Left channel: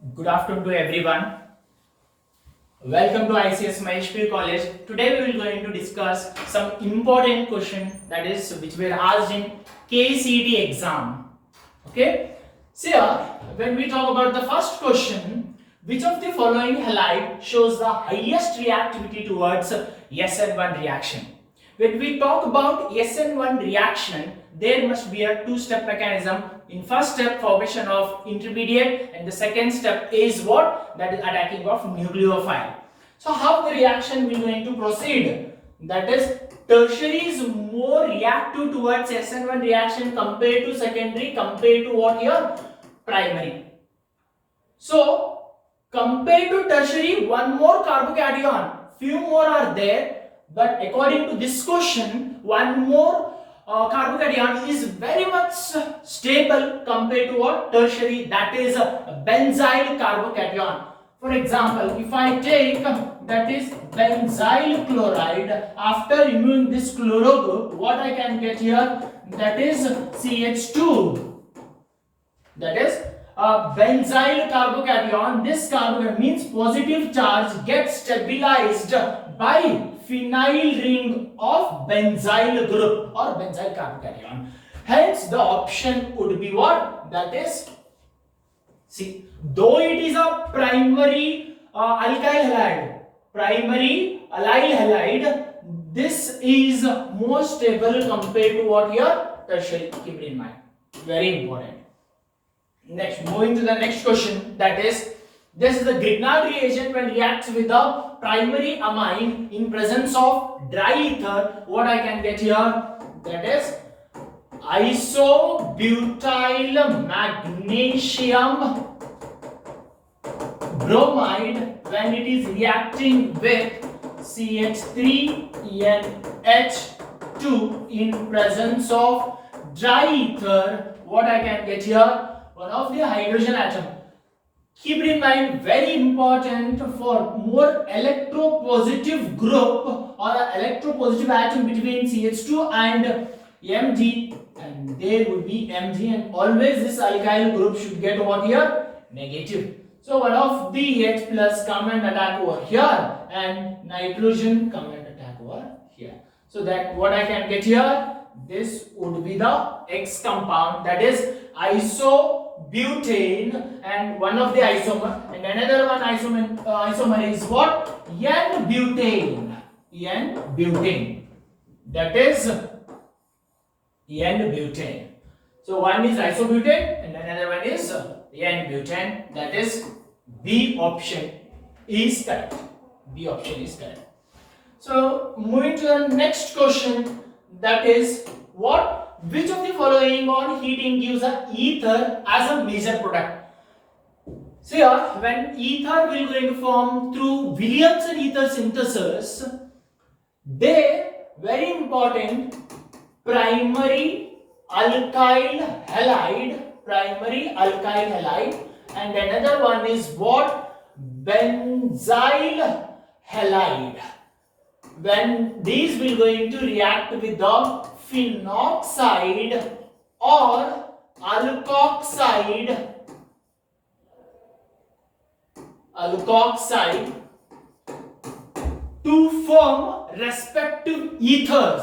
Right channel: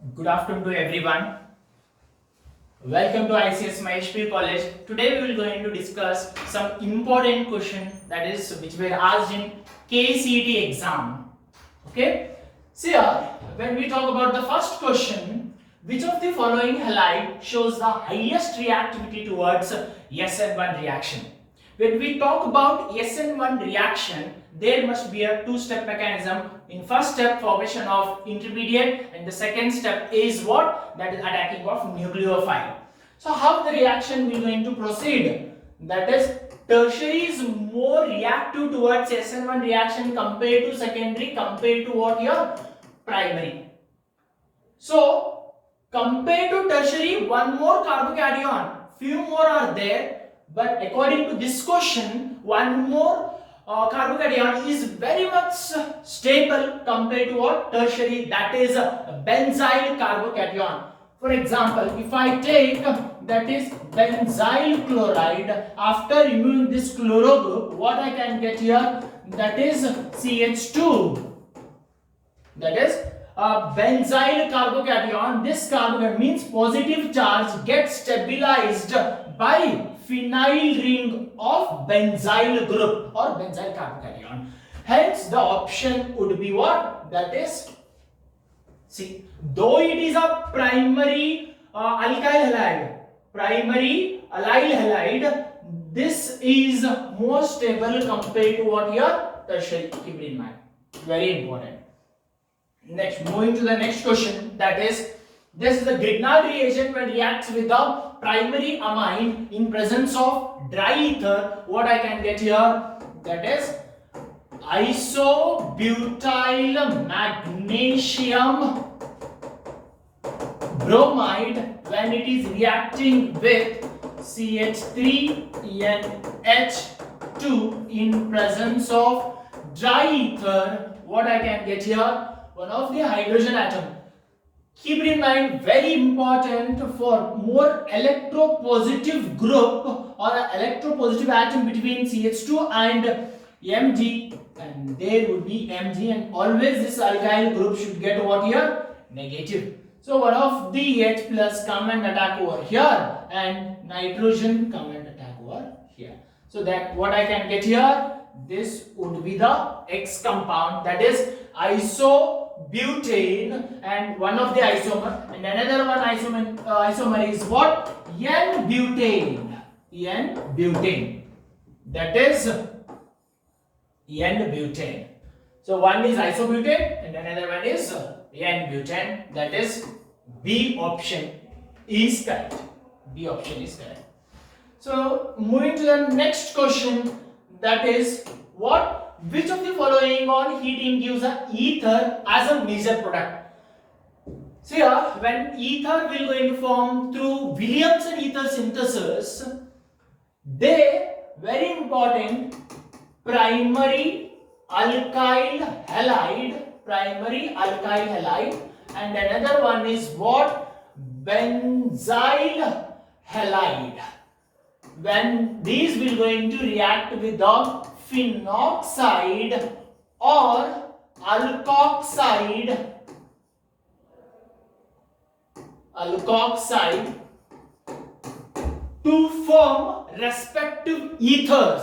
Good afternoon to everyone. Welcome to ICS Maheshpur College. Today we will going to discuss some important question that is which were asked in KCET exam. Okay. So here, when we talk about the first question, which of the following halide shows the highest reactivity towards SN1 reaction? When we talk about SN1 reaction, there must be a two-step mechanism. In first step, formation of intermediate, and the second step is what? That is attacking of nucleophile. So how the reaction will going to proceed? That is, tertiary is more reactive towards SN1 reaction compared to secondary, compared to what here? Primary. So compared to tertiary, one more carbocation, few more are there, but according to this question, one more carbocation is very much stable compared to what? Tertiary, that is a benzyl carbocation. For example, if I take that is benzyl chloride, after removing this chloro group, what I can get here? That is CH2. That is benzyl carbocation. This carbocation means positive charge gets stabilized by phenyl ring of benzyl group or benzyl carbocation. Hence, the option would be what? That is C. Though it is a primary alkyl halide, this is more stable compared to what here? Tertiary. Keep it in mind. Very important. Next, moving to the next question, that is, this is the Grignard reagent when reacts with the primary amine in presence of dry ether. What I can get here? That is isobutyl magnesium bromide when it is reacting with CH3NH2 in presence of dry ether. What I can get here? One of the hydrogen atom. Keep it in mind, very important for more electropositive group or an electropositive atom between CH2 and Mg, and there would be Mg, and always this alkyl group should get what here? Negative. So one of the H plus come and attack over here, and nitrogen come and attack over here. So that what I can get here? This would be the X compound, that is isobutane, and one of the isomer, and another one isomer is what? N-butane. N-butane. That is N-butane. So one is isobutane and another one is N-butane. That is B option is correct. B option is correct. So moving to the next question, that is what? Which of the following on heating gives a ether as a major product? So here, when ether will going to form through Williamson ether synthesis, they very important primary alkyl halide, and another one is what? Benzyl halide. When these will going to react with the phenoxide or alkoxide to form respective ethers.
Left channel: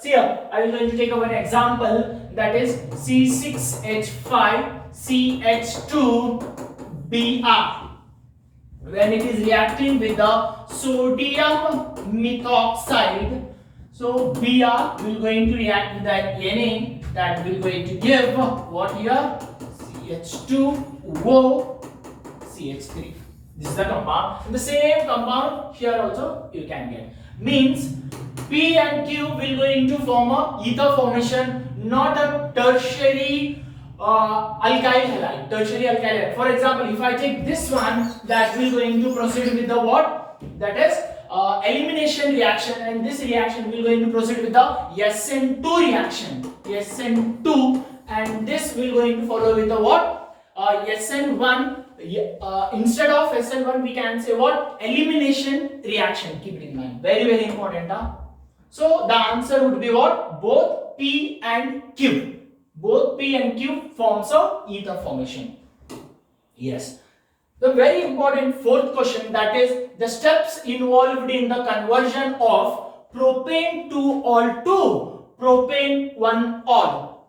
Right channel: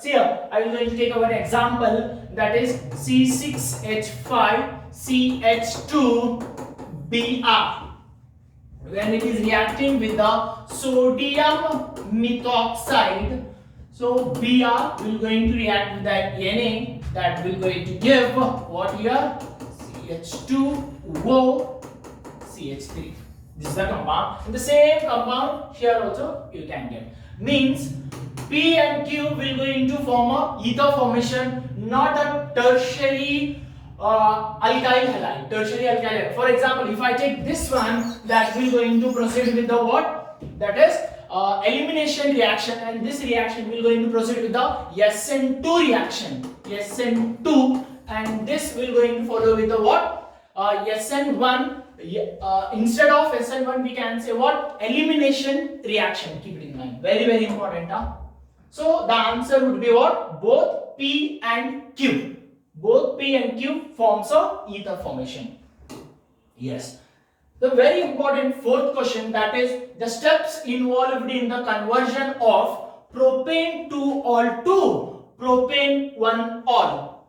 See here, I will going to take one example, that is C6H5CH2Br. When it is reacting with the sodium methoxide, so Br will going to react with that Na, that will going to give what here? CH2O CH3. This is the compound. And the same compound here also you can get. Means P and Q will going to form a ether formation, not a tertiary alkyl halide. For example, if I take this one, that will going to proceed with the what? That is elimination reaction, and this reaction will going to proceed with the SN2 reaction. SN2, and this will going to follow with the what? SN1. Instead of SN1, we can say what? Elimination reaction. Keep it in mind. Very, very important. So the answer would be what? Both P and Q. Both P and Q forms a ether formation. Yes. The very important fourth question, that is the steps involved in the conversion of propane 2 ol to propane 1 ol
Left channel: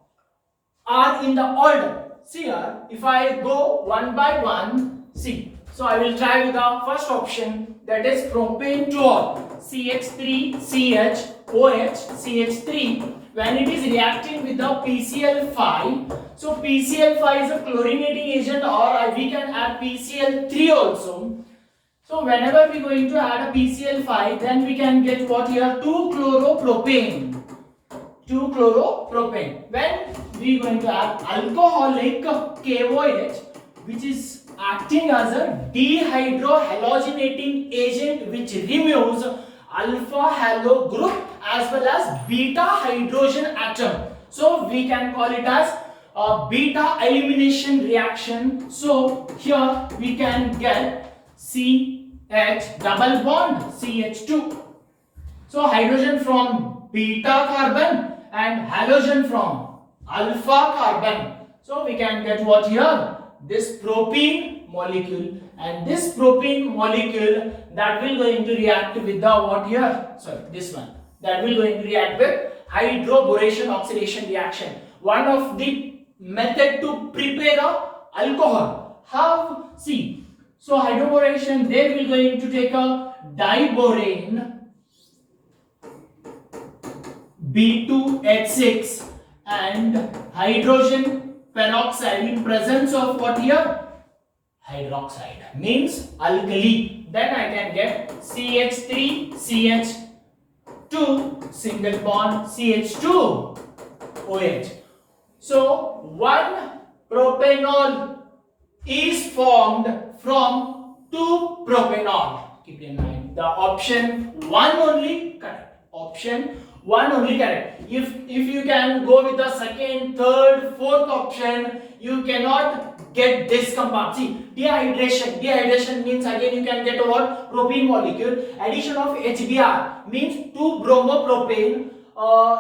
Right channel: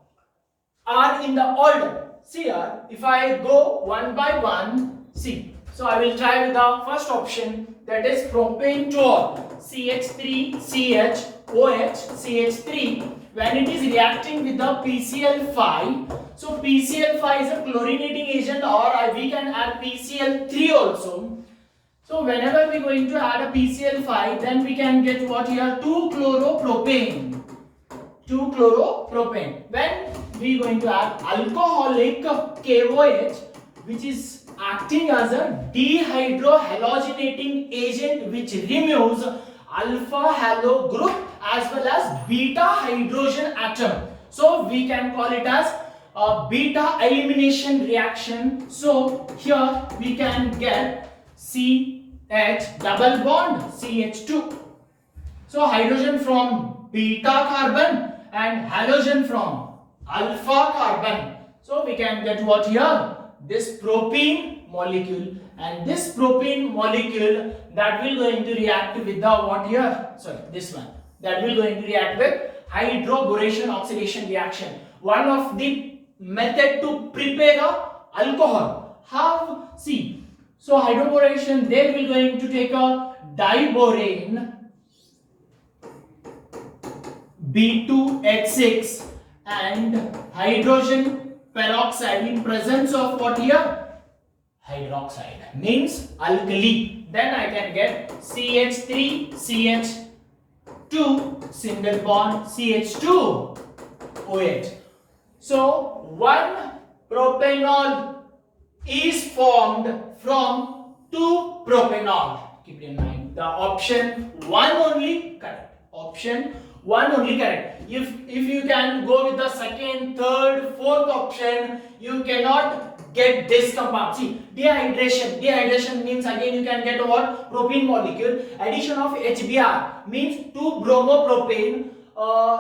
are in the order. See here, if I go one by one, see. So I will try with the first option, that is propane 2 ol, CH3CHOH CH3. When it is reacting with the PCl5, so PCl5 is a chlorinating agent, or we can add PCl3 also. So whenever we are going to add a PCl5, then we can get what here, 2-chloropropane. 2-chloropropane. When we are going to add alcoholic KOH, which is acting as a dehydrohalogenating agent, which removes alpha halo group as well as beta hydrogen atom. So we can call it as a beta elimination reaction. So here we can get CH double bond CH2. So hydrogen from beta carbon and halogen from alpha carbon. So we can get what here, this propene molecule, and this propene molecule that will going to react with the what here, sorry, this one, that will going to react with hydroboration oxidation reaction. One of the method to prepare a alcohol. How? See, so hydroboration, they will going to take a diborane B2H6 and hydrogen peroxide in presence of what here, hydroxide, means alkali. Then I can get CH3CH2 single bond CH2OH. So one propanol is formed from 2 propanol. Keep in mind the option 1 only correct. Option 1 only correct. If you can go with the second, third, fourth option, you cannot get this compound. See, dehydration means again you can get what, propene molecule. Addition of HBr means 2 bromopropane,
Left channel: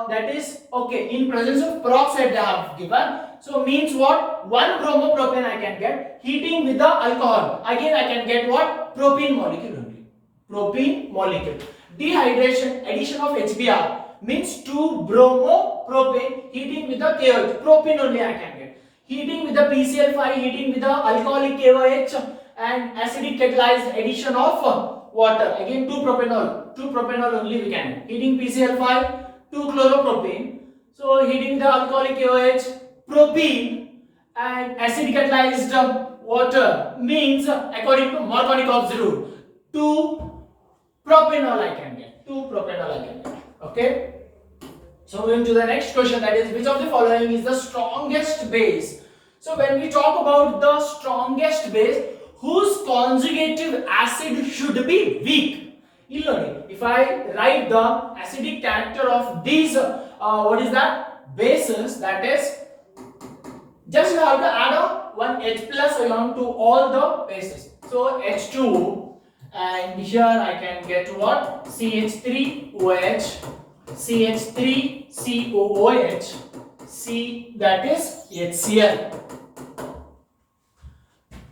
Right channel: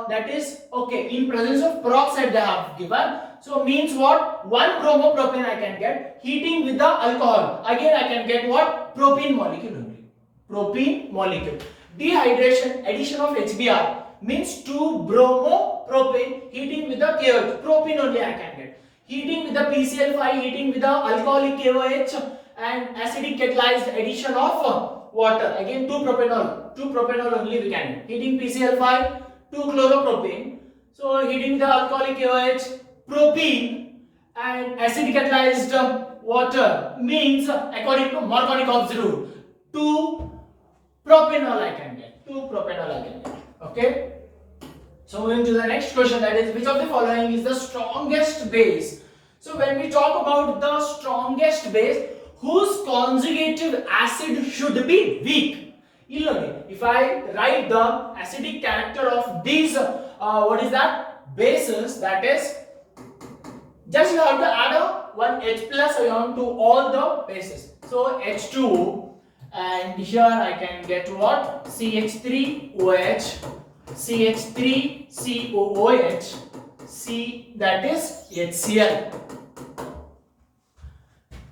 that is okay, in presence of peroxide they have given. So means what, 1 bromopropane I can get. Heating with the alcohol, again I can get what, propene molecule only. Propene molecule. Dehydration, addition of HBr means 2 bromopropane, heating with the KOH, propene only I can get. Heating with the PCl5, heating with the alcoholic KOH, and acidic catalyzed addition of water, again 2 propanol only we can get. Heating PCl5, 2 chloropropane, so heating the alcoholic KOH, propene, and acidic catalyzed water means according to Markovnikov's rule, 2 propanol I can get. 2 propanol I can get. Okay. So going to the next question, that is which of the following is the strongest base? So when we talk about the strongest base, whose conjugative acid should be weak? If I write the acidic character of these what is that, bases, that is just you have to add a 1 H plus ion to all the bases. So H2, and here I can get what, CH3OH, CH3COOH, C, that is HCl.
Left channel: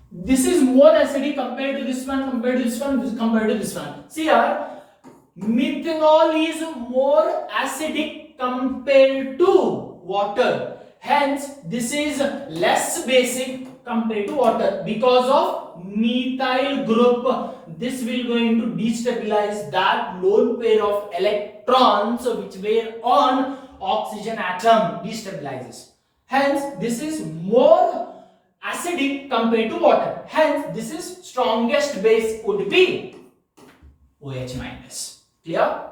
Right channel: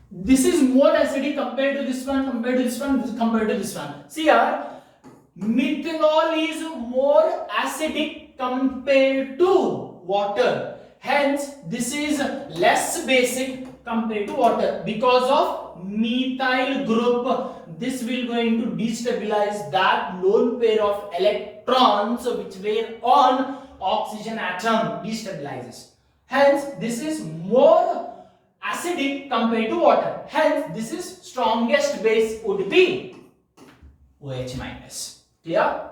This is more acidic compared to this one, compared to this one, compared to this one. See here, methanol is more acidic compared to water. Hence, this is less basic compared to water because of methyl group. This will going to destabilize that lone pair of electrons which were on oxygen atom, destabilizes. Hence, this is more acidic compared to water. Hence, this is strongest base would be OH minus. Clear?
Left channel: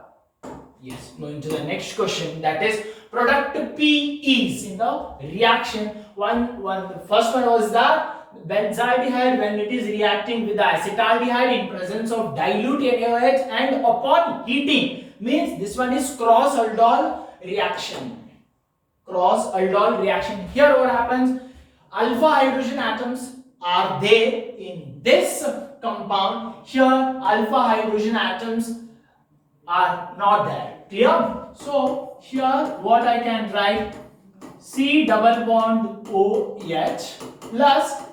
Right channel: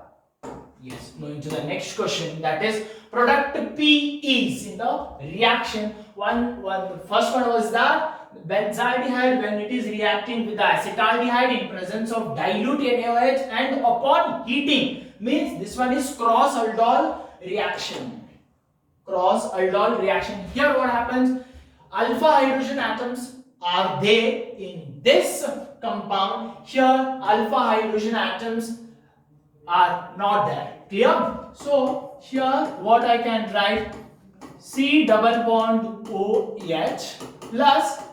Yes. Moving to the next question, that is product P is in the reaction. First one was that benzaldehyde, when it is reacting with the acetaldehyde in presence of dilute NaOH, and upon heating, means this one is cross aldol reaction. Cross aldol reaction. Here what happens? Alpha hydrogen atoms are there in this compound. Here alpha hydrogen atoms are not there. Clear? So here what I can write, C double bond OH plus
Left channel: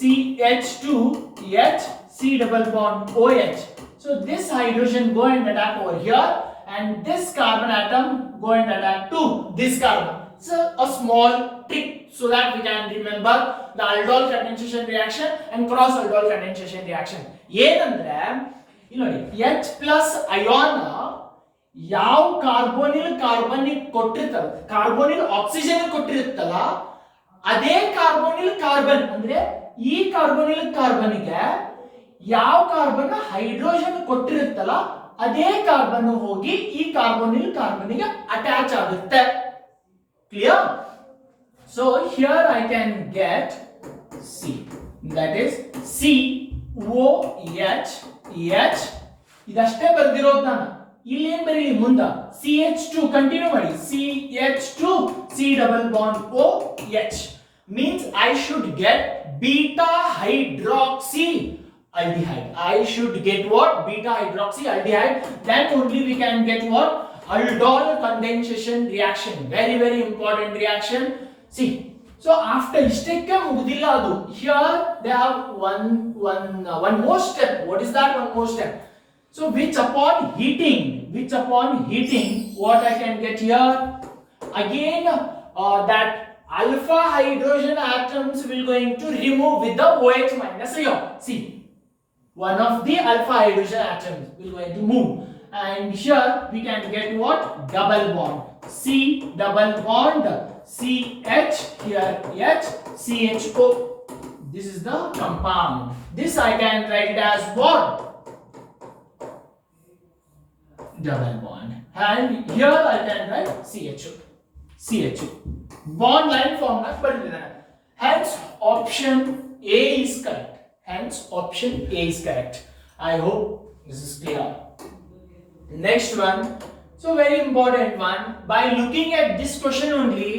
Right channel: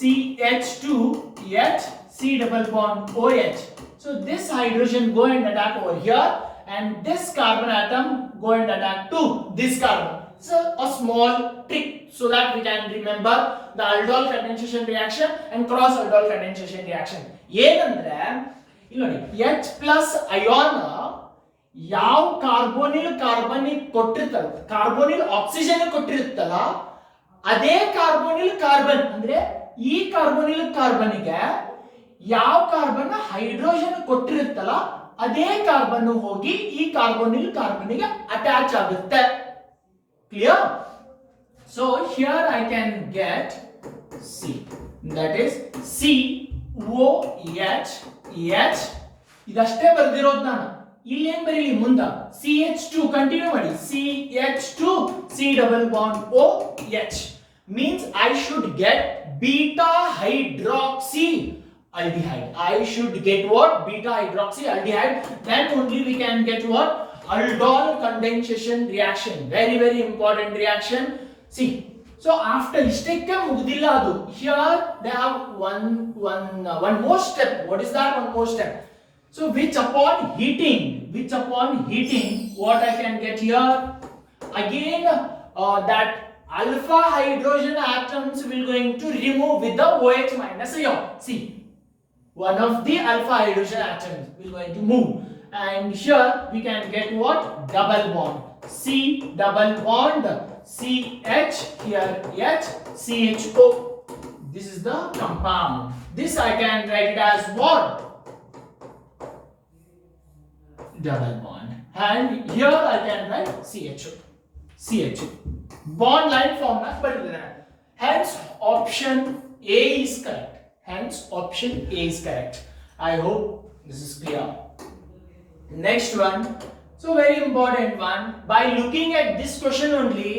CH2H, C double bond OH. So this hydrogen go and attack over here, and this carbon atom go and attack to this carbon. So a small trick so that we can remember the aldol condensation reaction and cross aldol condensation reaction. ಏನಂದ್ರೆ ಇಲ್ಲಿ ನೋಡಿ H plus ion ಯಾವ carbonyl carbonic ಕೊಟ್ಟಿರ್ತಲ್ಲ, carbonyl oxygen ಕೊಟ್ಟಿರುತ್ತಲ್ಲ, ಅದೇ carbonyl carbon ಅಂದ್ರೆ ಈ carbonyl ಕಾರ್ಬನ್ಗೆ ಯಾವ carbon hydrogen ಕೊಟ್ಟಿರುತ್ತಲ್ಲ ಅದೇ carbon ಹೋಗಿ ಈ ಕಾರ್ಬೋನಿಲ್ ಕಾರ್ಬನ್ಗೆ ಅಟ್ಯಾಚ್ ಆಗುತ್ತೆ. Clear? So here I can get C, that is COH H. ಇದಷ್ಟೇ ಬರ್ದಿರೋದು ನಾನು. ಇಲ್ಲಿ ಏನು ಬರೀಲಿ ಮುಂದೆ CH2 ಕಂಟಿನ್ಯೂ ಮಾಡಿ, CH2 C double bond OH means I should get beta hydroxy aldehyde. I should get what? Beta hydroxy aldehyde. Then only we can get what? Aldol condensation reaction. Very very important reaction. See, so after istekke mugdilla adu, here they have one more step. What is that one more step? So which upon heating, what I can get here? Again that alpha hydrogen atoms will going to remove with the OH minus ion. See, one of the alpha hydrogen atoms will going to move, and here we can get what? Double bond, C double bond CH, here H, CHO. This is the compound. This I can write it as what? Double bond. And here I can write CHO. Bond line form not but hence option A is correct. I hope this is clear. Next one. So very important one. By looking at this question only,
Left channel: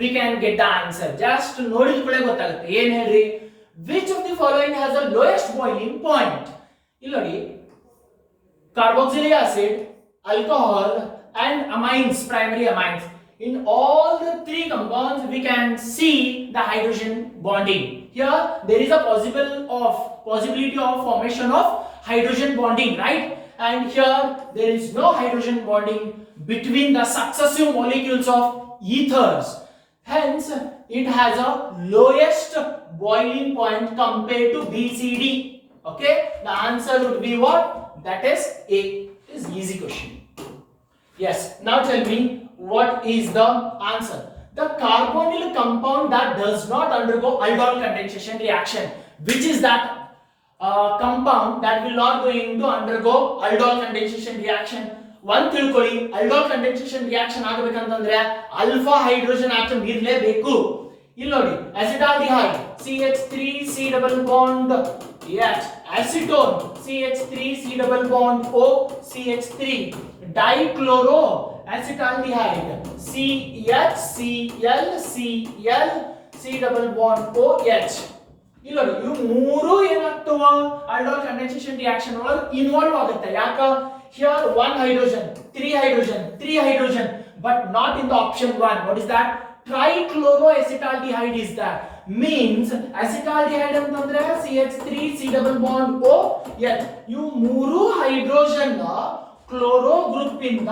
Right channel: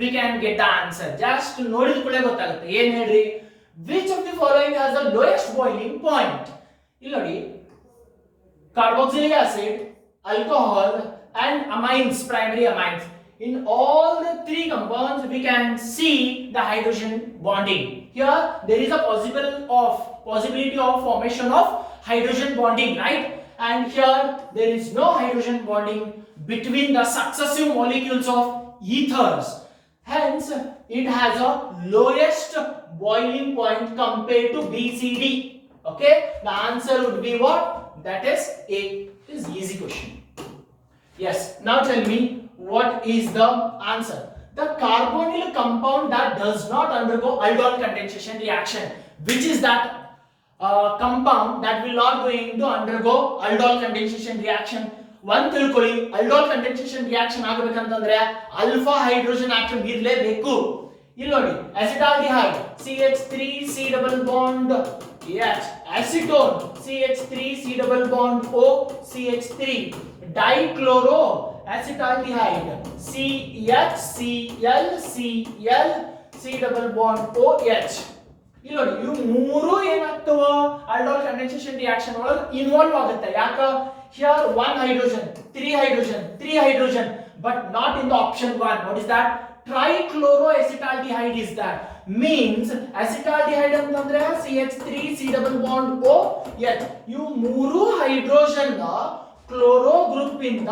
we can get the answer. Just ನೋಡಿದ ಕೂಡಲೇ ಗೊತ್ತಾಗುತ್ತೆ. ಏನು ಹೇಳ್ರಿ? Which of the following has the lowest boiling point? ಇಲ್ಲಿ ನೋಡಿ, carboxylic acid, alcohol and amines, primary amines. In all the three compounds we can see the hydrogen bonding. Here there is a possibility of formation of hydrogen bonding, right? And here there is no hydrogen bonding between the successive molecules of ethers. Hence it has a lowest boiling point compared to BCD. Okay, the answer would be what? That is A. It is easy question. Yes, now tell me what is the answer. The carbonyl compound that does not undergo aldol condensation reaction. Which is that compound that will not going to undergo aldol condensation reaction? One ತಿಳ್ಕೊಳ್ಳಿ, aldol condensation reaction ಆಗಬೇಕಂತಂದ್ರೆ alpha hydrogen atom ಇರಲೇಬೇಕು. ಇಲ್ಲಿ ನೋಡಿ, acetaldehyde CH3 C double bond H, acetone CH3 C double bond O CH3, dichloro acetaldehyde CHCl C double bond OH. ಇಲ್ಲಿ ನೋಡಿ, ಇವು ಮೂರು ಏನಾಗ್ತವ aldol condensation reaction ಒಳಗೆ involve ಆಗುತ್ತೆ. ಯಾಕ? Here one hydrogen, three hydrogen, but not in the option 1. What is that? Trichloroacetaldehyde is that. Means acetaldehyde ಅಂತಂದ್ರೆ CH3 C double bond O. Yes, ಇವು ಮೂರು ಹೈಡ್ರೋಜನ್ ಕ್ಲೋರೋ ಗ್ರೂಪ್ ಇಂದ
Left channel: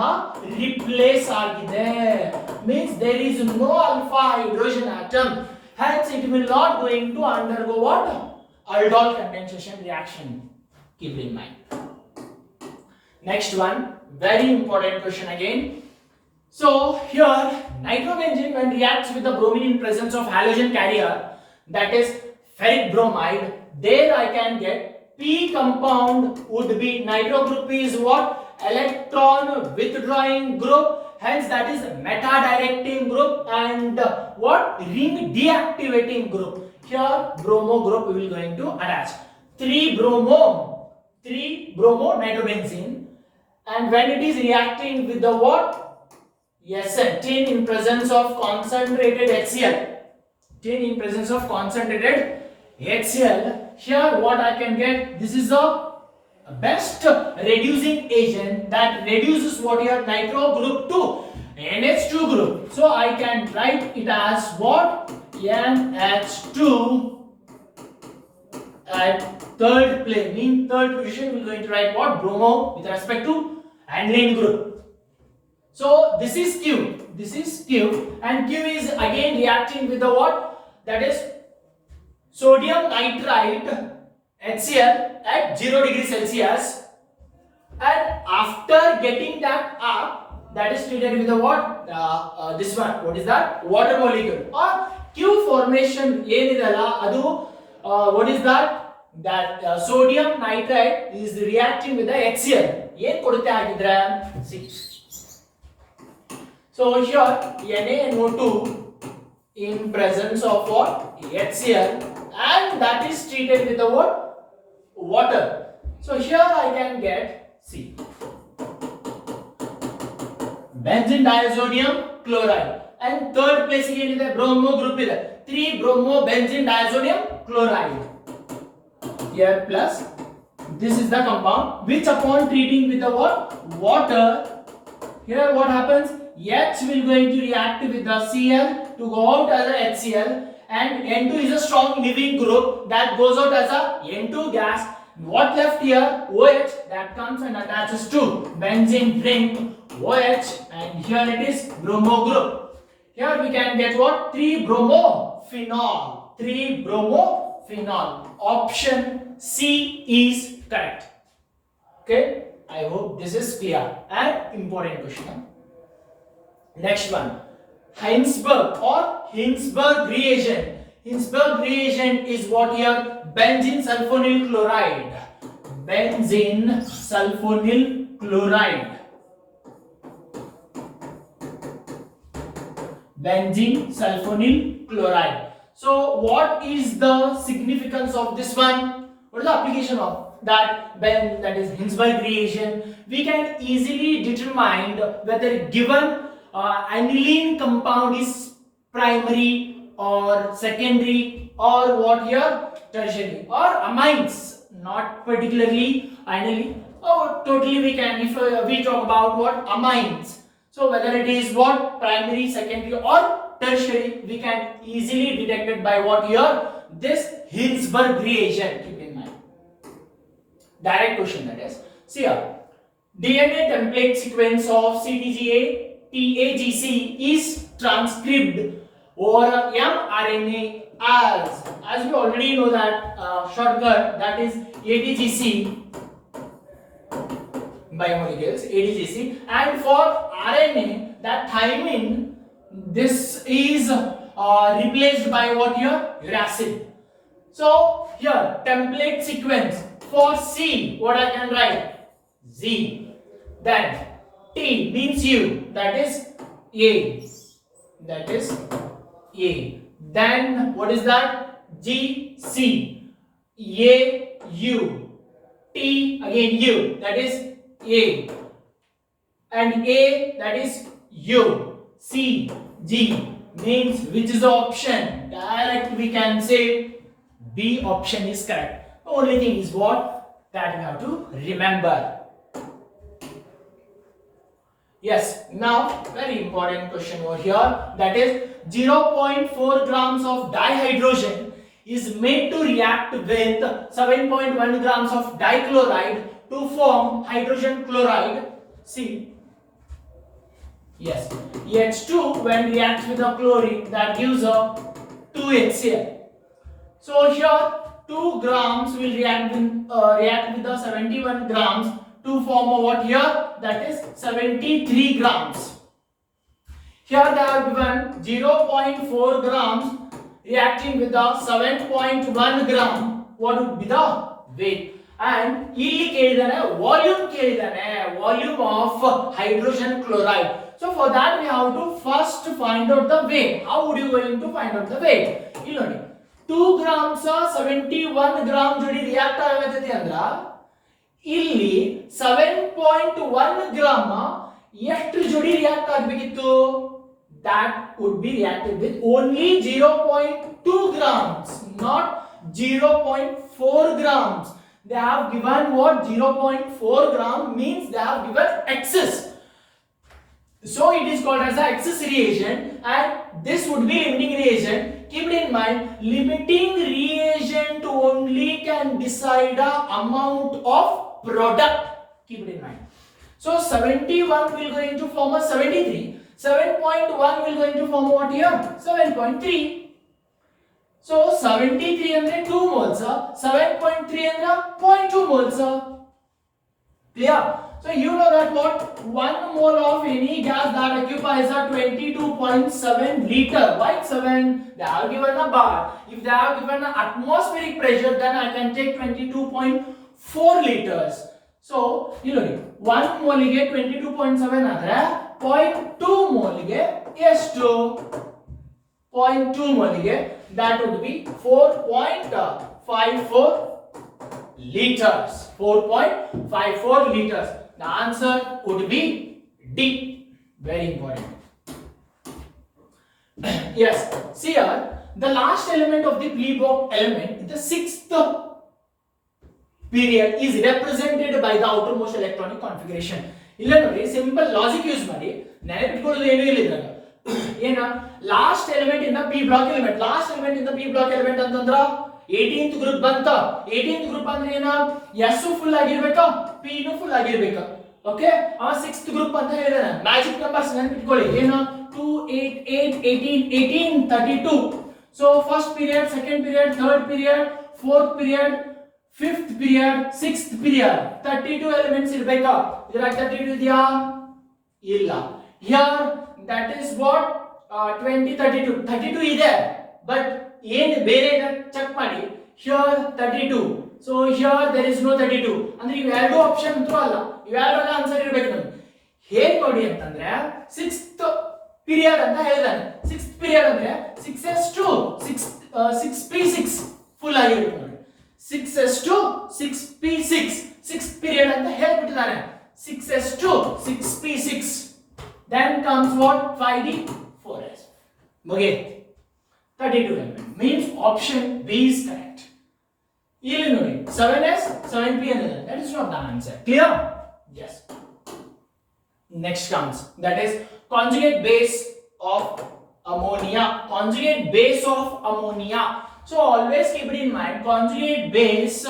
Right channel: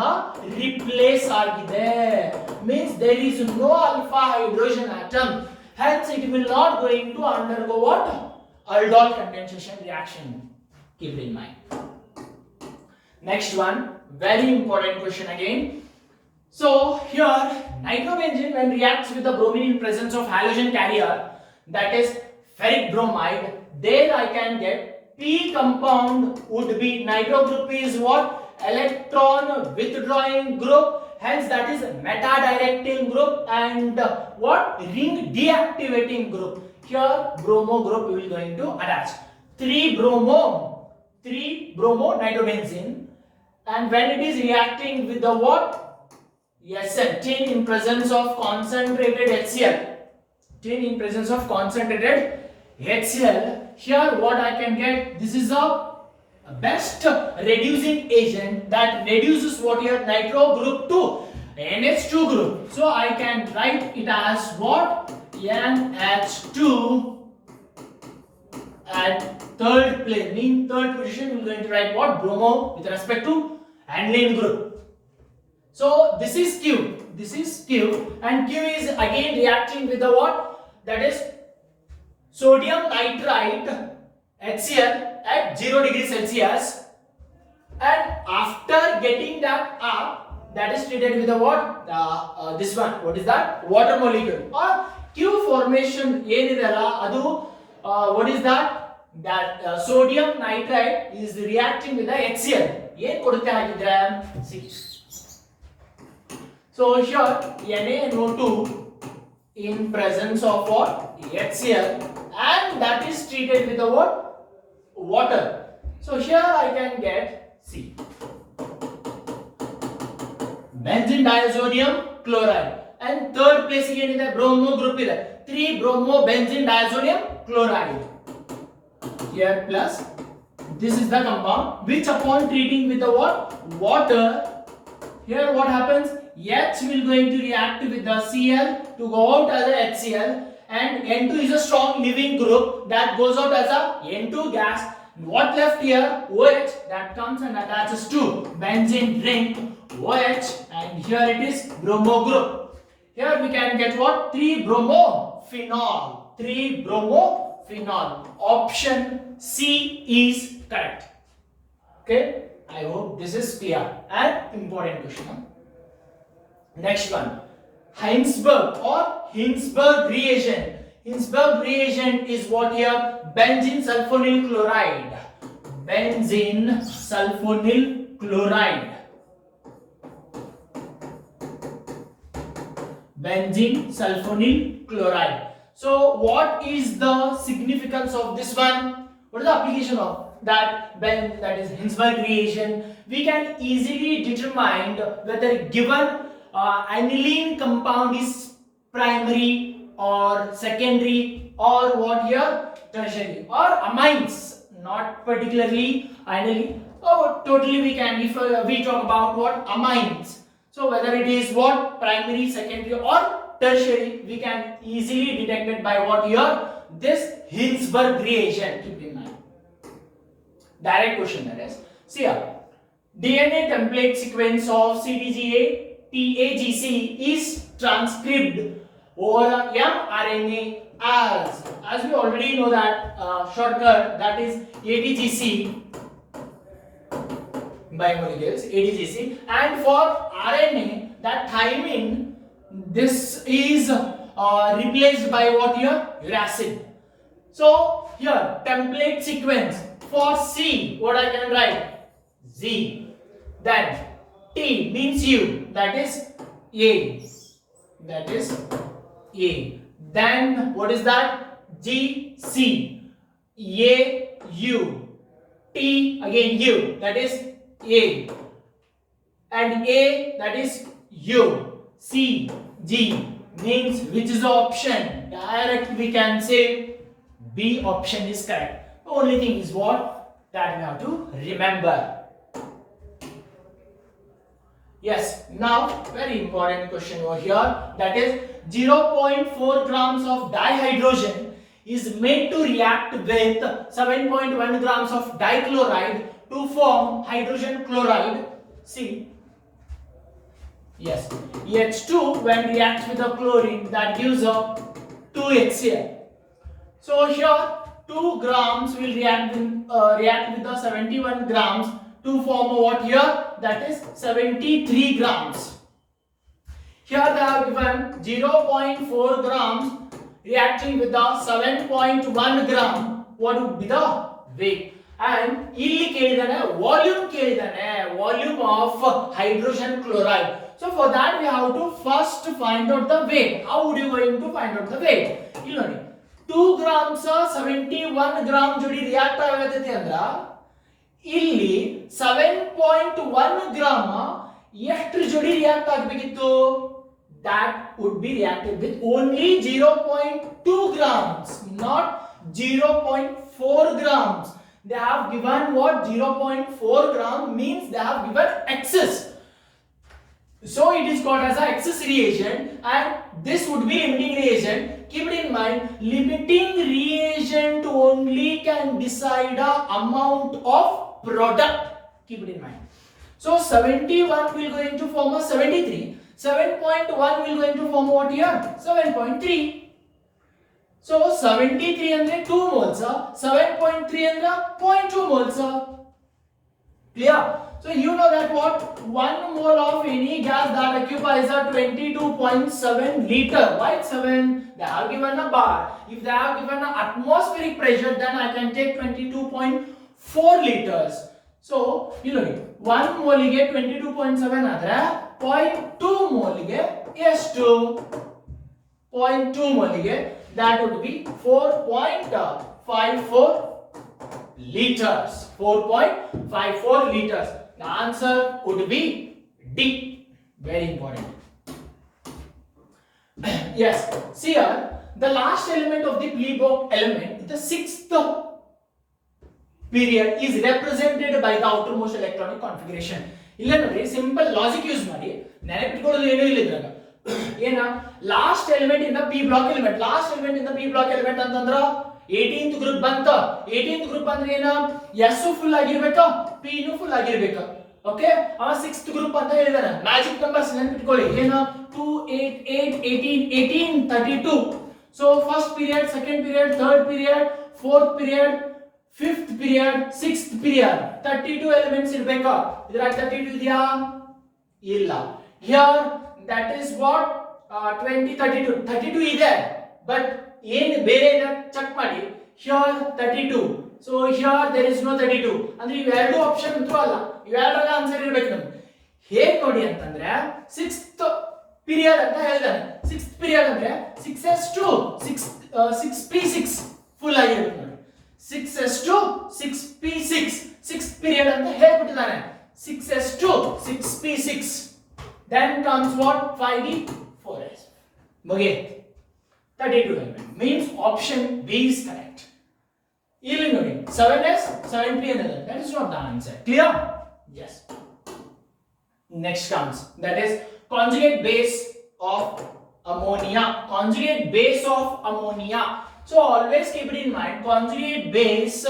replace ಆಗಿದೆ. Means there is no alpha hydrogen atom. Hence it will not going to undergo what? Aldol condensation reaction. Keep it in mind. Next one, very important question again. So here nitrobenzene when reacts with the bromine in presence of halogen carrier, that is ferric bromide, there I can get P compound would be, nitro group is what? Electron withdrawing group, hence that is meta directing group, and what? Ring deactivating group. Here bromo group we will going to attach 3 bromo nitrobenzene, and when it is reacting with the what? Yes sir, tin in presence of concentrated HCl. Here what I can get? This is a best reducing agent that reduces what? Here nitro group to NH2 group. So I can write it as what? NH2 at third place, mean third position, we're going to write what? Bromo with respect to aniline group. So this is Q. This is Q, and Q is again reacting with the what? That is sodium nitrite HCl at 0 degrees Celsius, and after getting that up, that is treated with the what? This one. What is that? Water molecule. Or Q formation ಏನidella adu what is that? That sodium nitrite is reacting with the HCl. ಏನು ಕೊಡುತ್ತೆ ಹಾಗಿದ್ರೆ? See. So here NaNO2 in presence of what? HCl, and that is treated with the what? Water. So here I can get C. Benzene diazonium chloride. And third place again is the bromo group is 3 bromo benzene diazonium chloride. Here plus this is the compound which upon treating with the what? Water, here what happens? H will going to react with the Cl to go out as a HCl, and N2 is a strong leaving group that goes out as a N2 gas. What left here? OH that comes and attaches to benzene ring OH, and here it is bromo group. Here we can get what? 3 bromophenol. 3 bromophenol. Option C is correct. Okay, I hope this is clear and important question. Next one, Heinsberg or Hinsberg reagent. Hinsberg reagent is what here? Benzene sulfonyl chloride. Benzene sulfonyl chloride. Benzene sulfonyl chloride. So what is the significance of this one? What is the application of that? That is Hinsberg reagent. We can easily determine whether given aniline compound is primary or secondary or what here? Tertiary, or amines, not particularly aniline. Oh, totally we can, if we talk about what? Amines. So whether it is what? Primary, secondary or tertiary, we can easily detect it by what here? This Hinsberg reagent. Keep in mind. Direct question that is. See here. DNA template sequence of CTGA TAGC is transcribed over mRNA as we already know that shortcut, that is ATGC biomolecules, ATGC, and for RNA that thymine, this is replaced by what here? Uracil. So here template sequence for C, what I can write? Z. Then T means U, that is A. That is A. Then what is that? G, C. A, U. T again U, that is A. And A, that is U. C, G means which is the option? Direct we can say B option is correct. The only thing is what? That we have to remember. Yes, now very important question over here, that is 0.4 grams of dihydrogen is made to react with 7.1 grams of dichloride to form hydrogen chloride. See, yes, H2 when reacts with the chlorine that gives a 2HCl. So here 2 grams will react with the 71 grams to form a what here? That is 73 grams. Here they have given 0.4 grams reacting with the 7.1 gram. What would be the weight? And ಇಲ್ಲಿ ಕೇಳಿದಾನೆ volume of hydrogen chloride. So for that we have to first find out the weight. How would you going to find out the weight? ಇಲ್ಲಿ ನೋಡಿ 2 grams 71 gram ಜೋಡಿ react ಆಗತೈತಿ ಅಂದ್ರ ಇಲ್ಲಿ 7.1 gram ಎಷ್ಟು ಜೋಡಿ react ಆಗಬೇಕಿತ್ತು? That would be reacted with only 0.2 grams, not 0.4 grams. They have given what? 0.4 gram means they have given excess. So it is called as a excess reagent, and this would be limiting reagent. Keep it in mind, limiting reagent only can decide the amount of product. Keep it in mind. So 71 will going to form a 73. 7.1 will going to form what here? 7.3. So 73 andre 2 moles, 7.3 andre 0.2 moles. Clear? So you know that what 1 mole of any gas that occupies a 22.7 liter. Why 7? They have given a bar. If they have given an atmospheric pressure, then I can take 22.4 liters. So you know 1 mole ಗೆ 22.7 ಆದರೆ 0.2 mole ಗೆ ಎಷ್ಟು? 0.2 mole ಗೆ that would be 4.54 liters. 4.54 liters. The answer could be D. Very important. Yes. See here, the last element of the Lebesgue element, the sixth period, is represented by the outermost electronic configuration. ಇಲ್ಲ ನೋಡಿ simple logic use ಮಾಡಿ ನೆನಪಿಟ್ಕೊಳ್ಳೋದು ಏನೂ ಇಲ್ಲ ಇದ್ರಾಗ ಏನ last element in the P block element ಅಂತಂದ್ರ 18th group ಬಂತ 18th group ಅಂದ್ರೆ ಏನ ಎಸ್ ಫುಲ್ ಆಗಿರ್ಬೇಕು ಪಿ ನು ಫುಲ್ ಆಗಿರ್ಬೇಕು ಓಕೆ ಅವ 6th ಗ್ರೂಪ್ ಅಂತ ಹೇಳಿದಾನೆ ಮ್ಯಾಜಿಕ್ ನಂಬರ್ಸ್ ನೆನಪಿಟ್ಕೊಳ್ಳಿ ಏನು 2 8 8 18 18 32 so first period second period third period fourth period fifth period, sixth period, 32 elements ಇರಬೇಕಾ ಇದರ 32 ಇದೆಯಾ ಇಲ್ಲ here that is what 20 32 ಇದೆ ಬಟ್ ಏನು ಬೇರೆ ಚೆಕ್ ಮಾಡಿ here 32 so here there is no 32 ಅಂದ್ರೆ ಇವೆರಡು ಆಪ್ಷನ್ ಅಂತೂ ಅಲ್ಲ ಇವೆರಡರ ಆನ್ಸರ್ ಇರಬೇಕು ನಮಗೆ ಹೇಗೆ ನೋಡಿ ಅಂತಂದ್ರೆ 6th ಪೀರಿಯಡ್ ಅಂತ ಹೇಳಿದಾನೆ 6th ಪೀರಿಯಡ್ ಅಂದ್ರೆ 6s2 6p6 ಫುಲ್ ಆಗಿರುತ್ತೆ 6s2 6p6 6th period ಅಂತ ಹೇಳ್ಬಿಟ್ಟಿದ್ದಾರೆ 6s2 6p6 then comes what 5d 4s ಮುಗಿಯಿತು 32 element means option B is correct ಇಲ್ಲಿ ನೋಡಿ 7s 7p ಅನ್ನೋದು that is not the answer clear yes next comes that is conjugate base of ammonia So always keep it in mind, conjugate base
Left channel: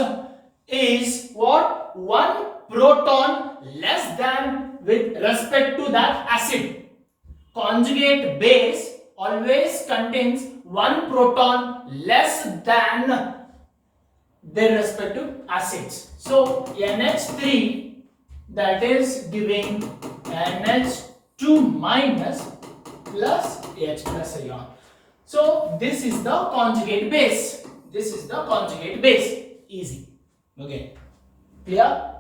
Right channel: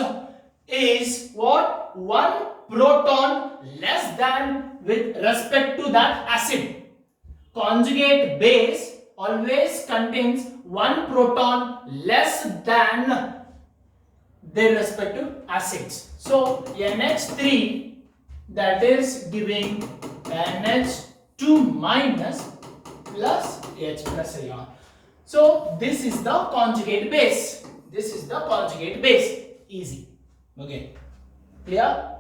is what? One proton less than with respect to that acid. Conjugate base always contains one proton less than their respective acids. So NH3 that is giving NH2 minus plus H plus ion. So this is the conjugate base. Easy. Okay. Clear?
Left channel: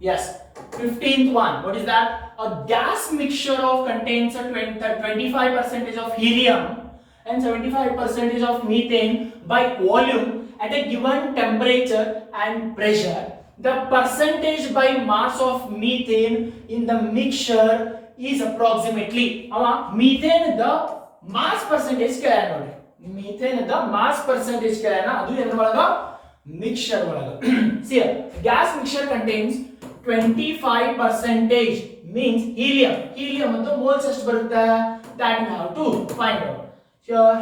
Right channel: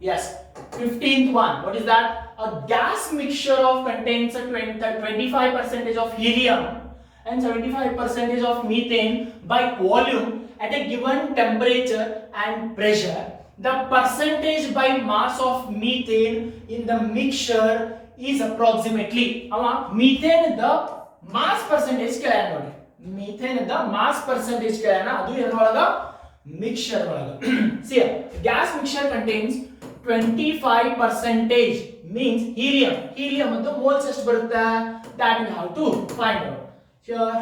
Yes. 15th one. What is that? A gas mixture contains a 25% of helium and 75% of methane by volume at a given temperature and pressure. The percentage by mass of methane in the mixture is approximately methane the mass percentage ಕೇಳೋಣ ನೋಡಿ methane the mass percentage ಕೇಳೋಣ ಅದು ಎದರೊಳಗ mixture ಒಳಗ see gas mixture contains 25% means helium ಅಂತ moles ಎಷ್ಟು ಬರುತ್ತೆ that we have to find out here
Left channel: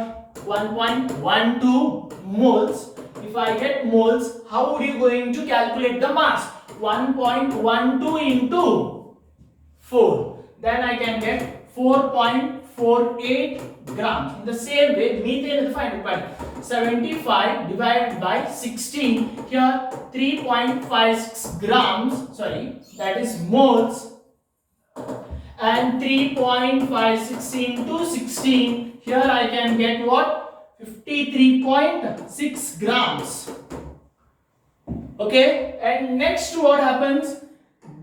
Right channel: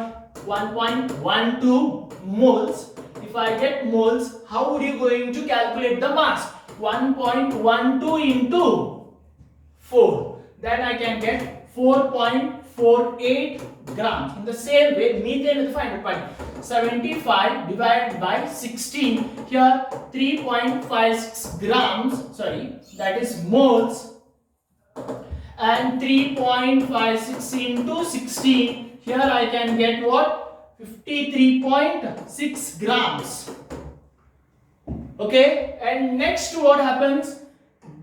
1.12 moles if I get moles how would you going to calculate the mass 1.12 into 4 then I can get 4.48 grams. In the same way, methane is find out 75 divided by 16. Here 3.56 grams. Sorry, that is moles. And 3.56 into 16. Here I can get what? 53.6 grams. Okay. And next, what happens?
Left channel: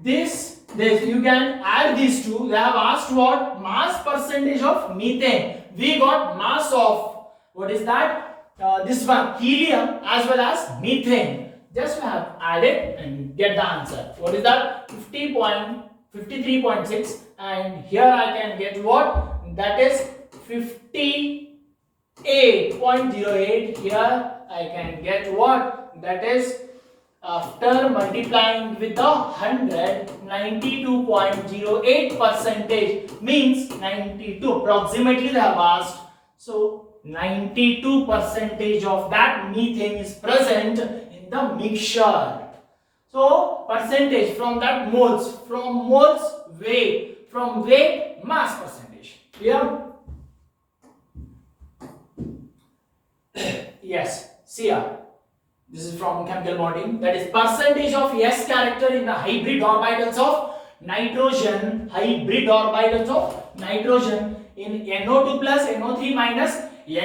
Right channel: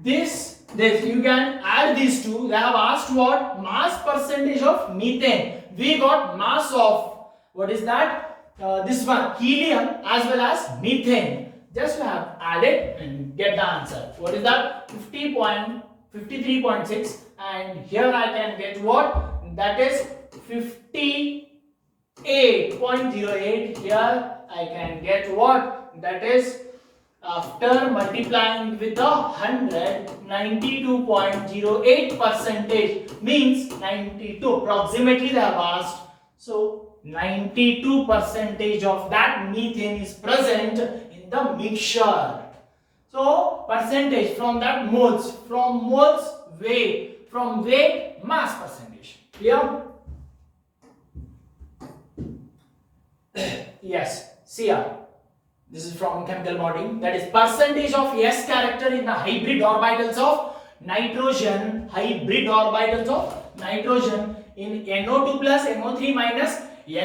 This you can add these two. They have asked what mass percentage of methane. We got mass of what is that? This one helium as well as methane. Just we have added and get the answer. What is that? 53.6 and here I can get what? That is 58.08. Here I can get what? That is after multiplying with the 100 92.08% means 92 approximately they have asked So 92% of that methane is present in the mixture. So percentage from that moles, from moles weight, from weight mass percentage. Clear? Yes, see here. This is from chemical bonding. That is percentage of S character in the hybrid orbitals of nitrogen. Hybrid orbitals of nitrogen in NO2 plus, NO3 minus,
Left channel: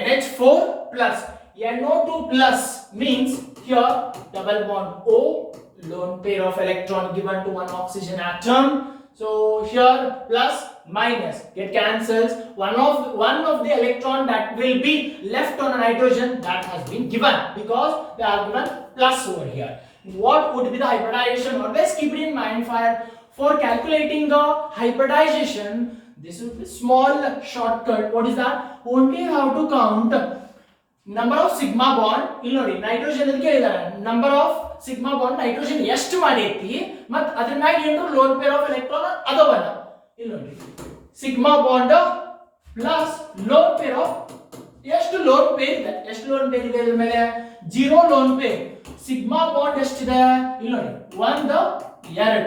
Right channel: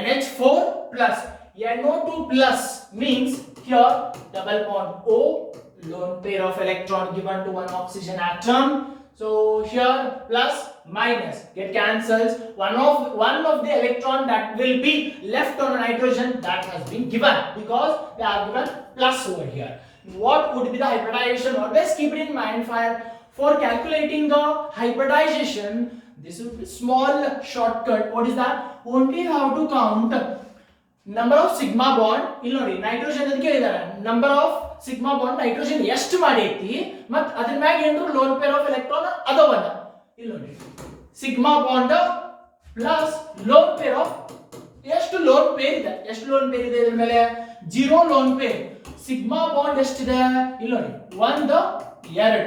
NH4 plus. NO2 plus means here double bond O, lone pair of electron given to one oxygen atom. So here plus minus get cancels. One of the electron that will be left on a nitrogen that has been given because they are given plus over here. What would be the hybridization? Always keep it in mind for calculating the hybridization. This is a small shortcut. What is that? Only have to count number of sigma bond. ಇಲ್ಲಿ ನೋಡಿ nitrogen ಅಂತ ಕೇಳಿದಾರೆ. Number of sigma bond nitrogen ಎಷ್ಟು ಮಾಡೈತಿ ಮತ್ತು ಅದರ ಮ್ಯಾಗ ಏನ್ರು lone pair of electron ಅದವಲ್ಲ. ಇಲ್ಲಿ ನೋಡಿ sigma bond plus lone pair of ಎಷ್ಟು ಲೋನ್ ಪೇರ್ ಇದೆ, ಎಷ್ಟು ಲೋನ್ ಪೇರ್ ಇದೆ ಇದರ ಮೇಲೆ 0 ಲೋನ್ ಪೇರ್. ಸಿಗ್ಮಾ ಬಾಂಡ್ ಎಷ್ಟಿದೆ ಇಲ್ಲಿ ನೋಡಿ 1 2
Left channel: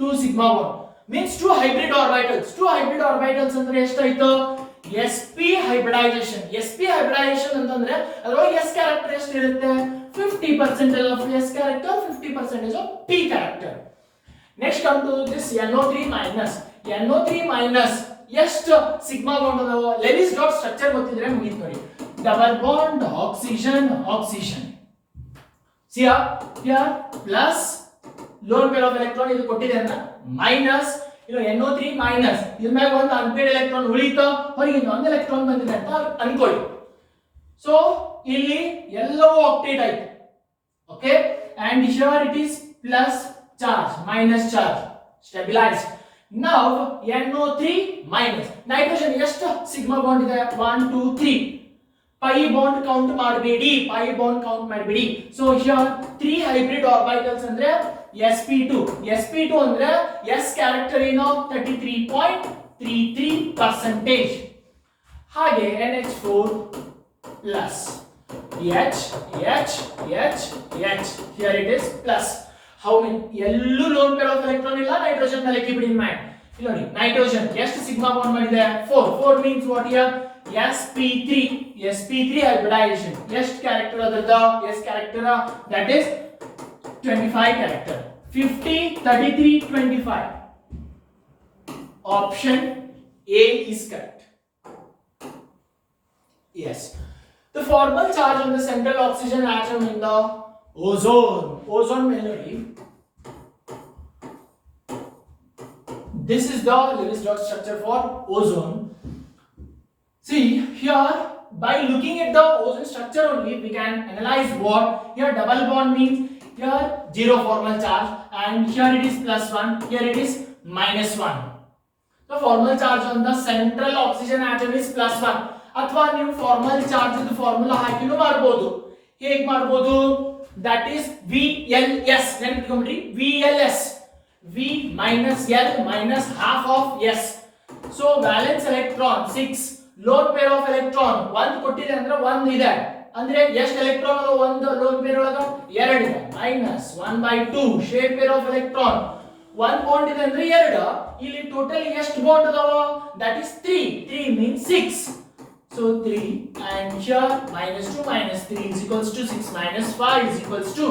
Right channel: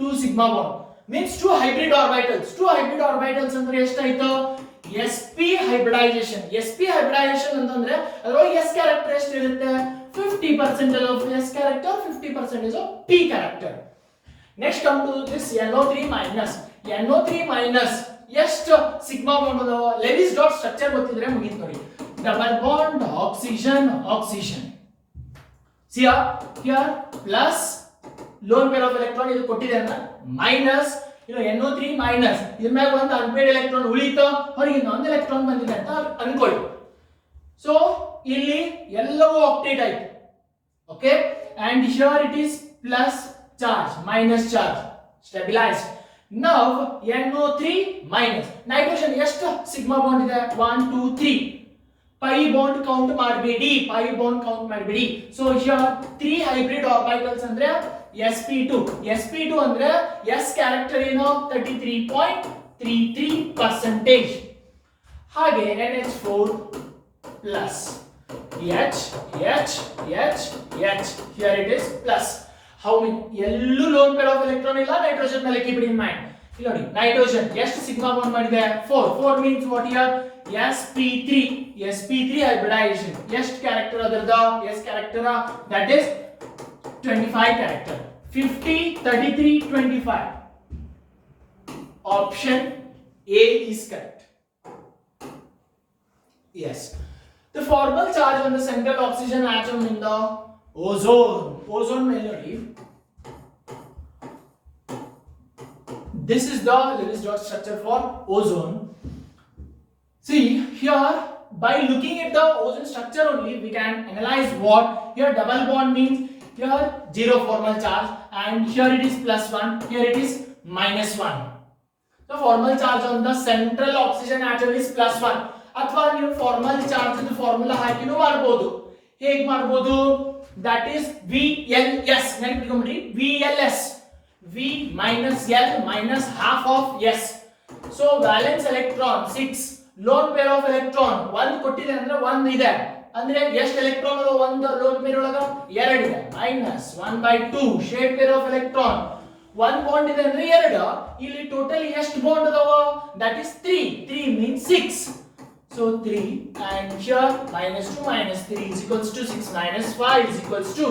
2 sigma bond means 2 hybrid orbitals. 2 hybrid orbitals ಅಂದ್ರೆ ಎಷ್ಟಾಯ್ತು? sp hybridization. sp hybridization ಅಂತಂದ್ರೆ ಅದರೊಳಗೆ s ಕ್ಯಾರೆಕ್ಟರ್ ಎಷ್ಟು ಇರುತ್ತೆ? 50% of s character, 50% of p character. Next come to this NO3 minus. NO3 minus ಎಷ್ಟು ಸಿಗ್ಮಾ ಬಾಂಡ್ ಅದಾವ? ಲೆವಿಸ್ ಡಾಟ್ ಸ್ಟ್ರಕ್ಚರ್ ಗೊತ್ತಿದ್ರೆ ಮುಗಿತು ನೋಡಿ. Double bond oxygen oxygen. See here plus lone pair of electron ಇದು ಕೊಟ್ಟಿದೆ ಅಂತ ಮೈನಸ್ ಇದು NO3 minus ಇದ್ರ ಮೇಲೆ ಒಂದು ಅನ್ಪೇಡ್ ಎಲೆಕ್ಟ್ರಾನ್ ಉಳಿತು, ಹೊರಗಿಂದ ಒಂದು ಎಲೆಕ್ಟ್ರಾನ್ ಬಂದಿದೆ ಅಂತ ಅನ್ಕೊಳ್ಳಿ. ಸೊ ಇಲ್ಲಿ ಎಲ್ಲವೂ ಆಕ್ಟೇಟ್ ಆಯ್ತು. Okay, and here it is plus charge minus charge stabilized. Now NO3 minus nitrogen ಎಷ್ಟು ಸಿಗ್ಮಾ ಬಾಂಡ್ ಇದೆ? 1 2 3. pi bond count ಮಾಡಬೇಡಿ, pi bond count ಮಾಡಬೇಡಿ. So here 3 hybrid orbitals ಅಂದ್ರೆ sp2. sp2 ಅಂದ್ರೆ s character ಏನು? 33.33%. ಹಾಗೆ NH4 plus H H H H. Here it is plus. How many? ಎಲ್ಲೂ lone pair of electron ಇಲ್ಲ nitrogen ಮೇಲೆ keep it in mind. ಇಲ್ಲಿ ನೋಡಿ nitrogen ಎಷ್ಟು ಸಿಗ್ಮಾ ಬಾಂಡ್ ಮಾಡಿದೆ? 4. 4 means what here? sp3. sp3 hybridization. ಎಷ್ಟು ಕ್ಯಾರೆಕ್ಟರ್ ಅದರದ? s character that is 25 character. 50 33 25. Option A is correct. Yes. The formal charge on the central oxygen atom in the ozone. Ozone melody. This is the Lewis dot structure for ozone. See here, by looking at the ozone structure only, we can analyze what here double bond means. Here 0 formal charge, and here it is +1. Here it is -1. So formal charge on the central oxygen atom is +1. ಅಥವಾ ನೀವು formal charge ದು formula ಹಾಕಿನೂ ಮಾಡಬಹುದು. ಹೇಗೆ ಮಾಡಬಹುದು? That is VLS. ನೆನಪಿಟ್ಕೊಂಡ್ಬಿಡಿ, VLS. V minus L minus half of S. So valence electron 6, lone pair of electron 1 ಕೊಟ್ಟಿದೆ ಅಂದ್ರೆ 1 ಇದೆ ಅಂದ್ರೆ ಎಷ್ಟು ಎಲೆಕ್ಟ್ರಾನ್ ಅದ? ಒಂದು ಲೋನ್ ಪೇರ್ ಒಳಗ 2 ಇದೆ minus 1/2 shade pair of electron 1 bond ಇದೆ ಅಂದ್ರೆ 2. ಇಲ್ಲಿ ಟೋಟಲ್ ಎಷ್ಟು ಬಾಂಡ್ ಅದಾವ? That is 3. 3 means 6. So 3 and here -2 - 3 is equals to 6 - 5 is equals to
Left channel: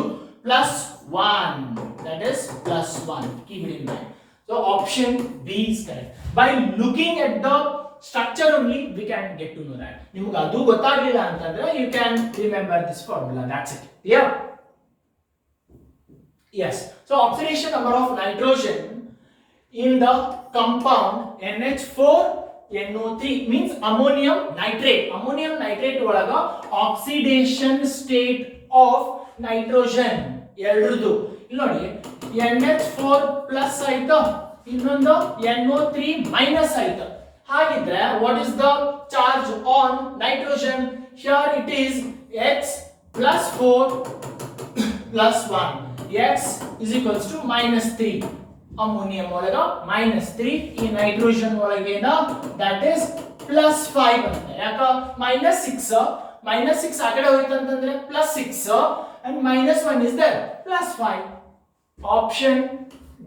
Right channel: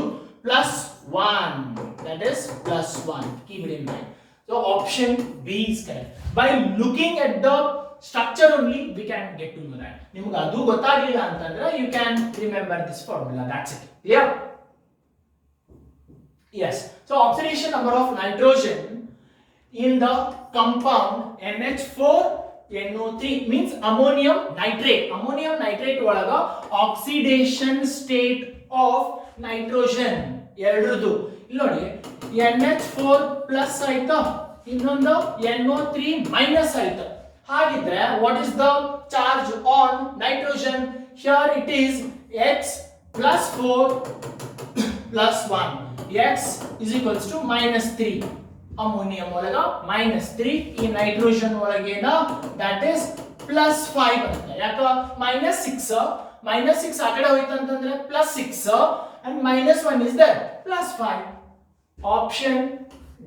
+1. That is +1. Keep it in mind. So option B is correct. By looking at the structure only we can get to know that. ನಿಮಗೆ ಅದು ಗೊತ್ತಾಗಲಿಲ್ಲ ಅಂತಂದ್ರೆ you can remember this formula. That's it. Yeah. Yes. So oxidation number of nitrogen in the compound NH4 NO3 means ammonium nitrate. Ammonium nitrate ಒಳಗ oxidation state of nitrogen ಎರಡರದು ಇಲ್ಲಿ ನೋಡಿ NH4 plus ಆಯ್ತಾ, ಇನ್ನೊಂದು NO3 minus ಆಯ್ತಾ. ಹಾಗಿದ್ರೆ what is the charge on nitrogen? Here it is X plus 4 plus 1. X is equals to -3. Ammonium ಒಳಗ -3, ಈ nitrogen ಒಳಗೇನ that is plus 5 ಅಂತ. ಯಾಕ -6 ಆ ಕಡೆ ಹೋಯ್ತು ಅಂತಂದ್ರೆ +6 and -1 is there +5. Option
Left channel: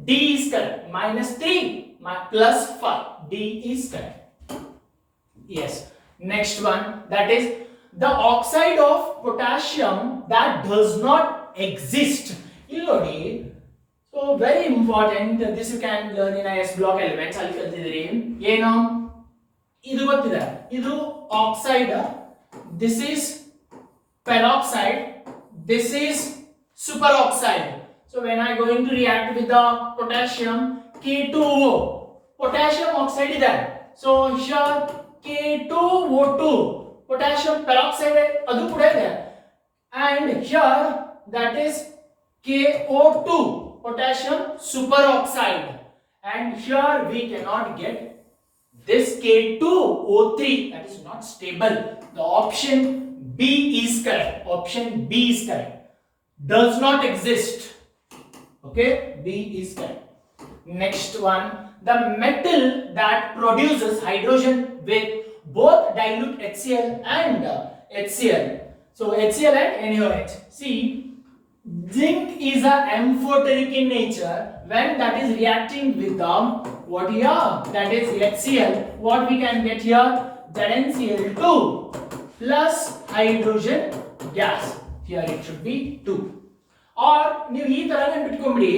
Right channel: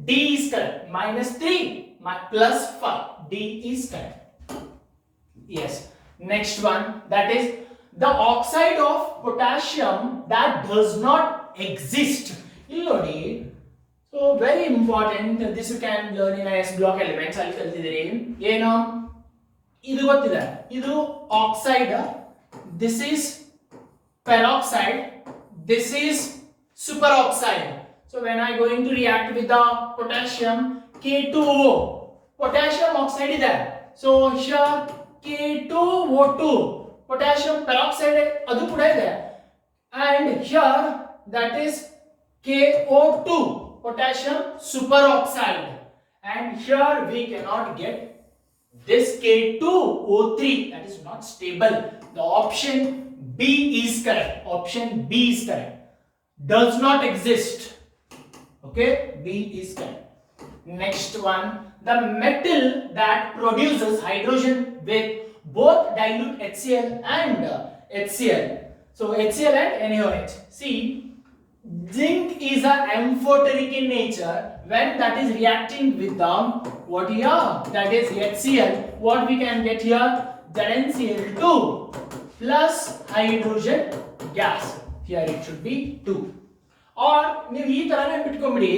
D is correct. -3 +5. D is correct. Yes. Next one, that is the oxide of potassium that does not exist. ಇಲ್ಲಿ ನೋಡಿ, so very important, this you can learn in IS block elements. ಅಲ್ಲಿ ಕಲ್ತಿದ್ದೀರಿ ಏನು, ಇದು ಗೊತ್ತಿದೆ, ಇದು oxide, this is peroxide, this is superoxide. So when I going to react with the potassium, K2O, potassium oxide ಇದೆ, so here K2O2, potassium peroxide adu kuda ide, and here that is KO2, potassium superoxide, and here we cannot get this K2O3, that is not stable. The option B is correct. Option B is correct. Does not exist. Okay, B is correct. Next one, the metal that produces hydrogen with both dilute HCl and HCl. So HCl and NaOH. See, zinc is a amphoteric in nature. When that is reacting with the what here, that is HCl, what we can get here, ZnCl2 plus hydrogen gas. Here it should be 2. Or ನೀವು ಈ ತರ ನೆನಪಿಟ್ಕೊಂಡ್ಬಿಡಿ,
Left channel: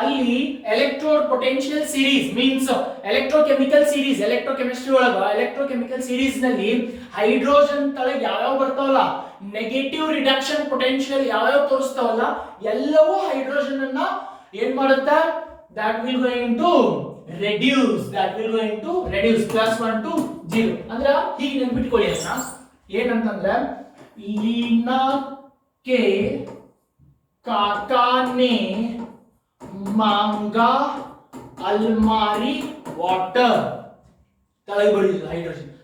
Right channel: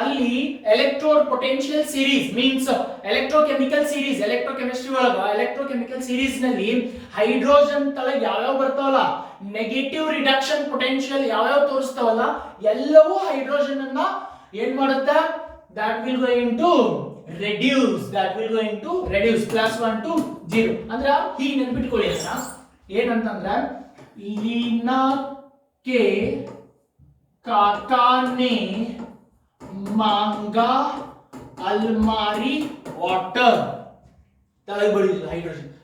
ಅಲ್ಲಿ electrode potential series means electrochemical series, electrochemistry ಒಳಗ electrochemical series ನಲ್ಲಿ hydrogen ತಳಗ ಯಾವ್ಯಾವ ಬರ್ತಾವಲ್ಲ, negative reduction potential ಯಾವ್ಯಾವ ತೋರಿಸ್ತಾವಲ್ಲ, ಎಲ್ಲವೂ ಹೈಡ್ರೋಜನ್ ಅನ್ನ ಏನ್ ಮಾಡುತ್ತೆ, that will going to reduce, +1 to 0. ಅಂದ್ರೆ ಹೀಗೆ ನೆನಪಿಟ್ಕೊಳ್ಳಿ ಅಣ್ಣ, ಏನಂತಂದ್ರೆ ಲೀನಾ ಕೆ काका ने मांगा अलमारी वाटर, ತಳಗ ಬಡಿದ್ರು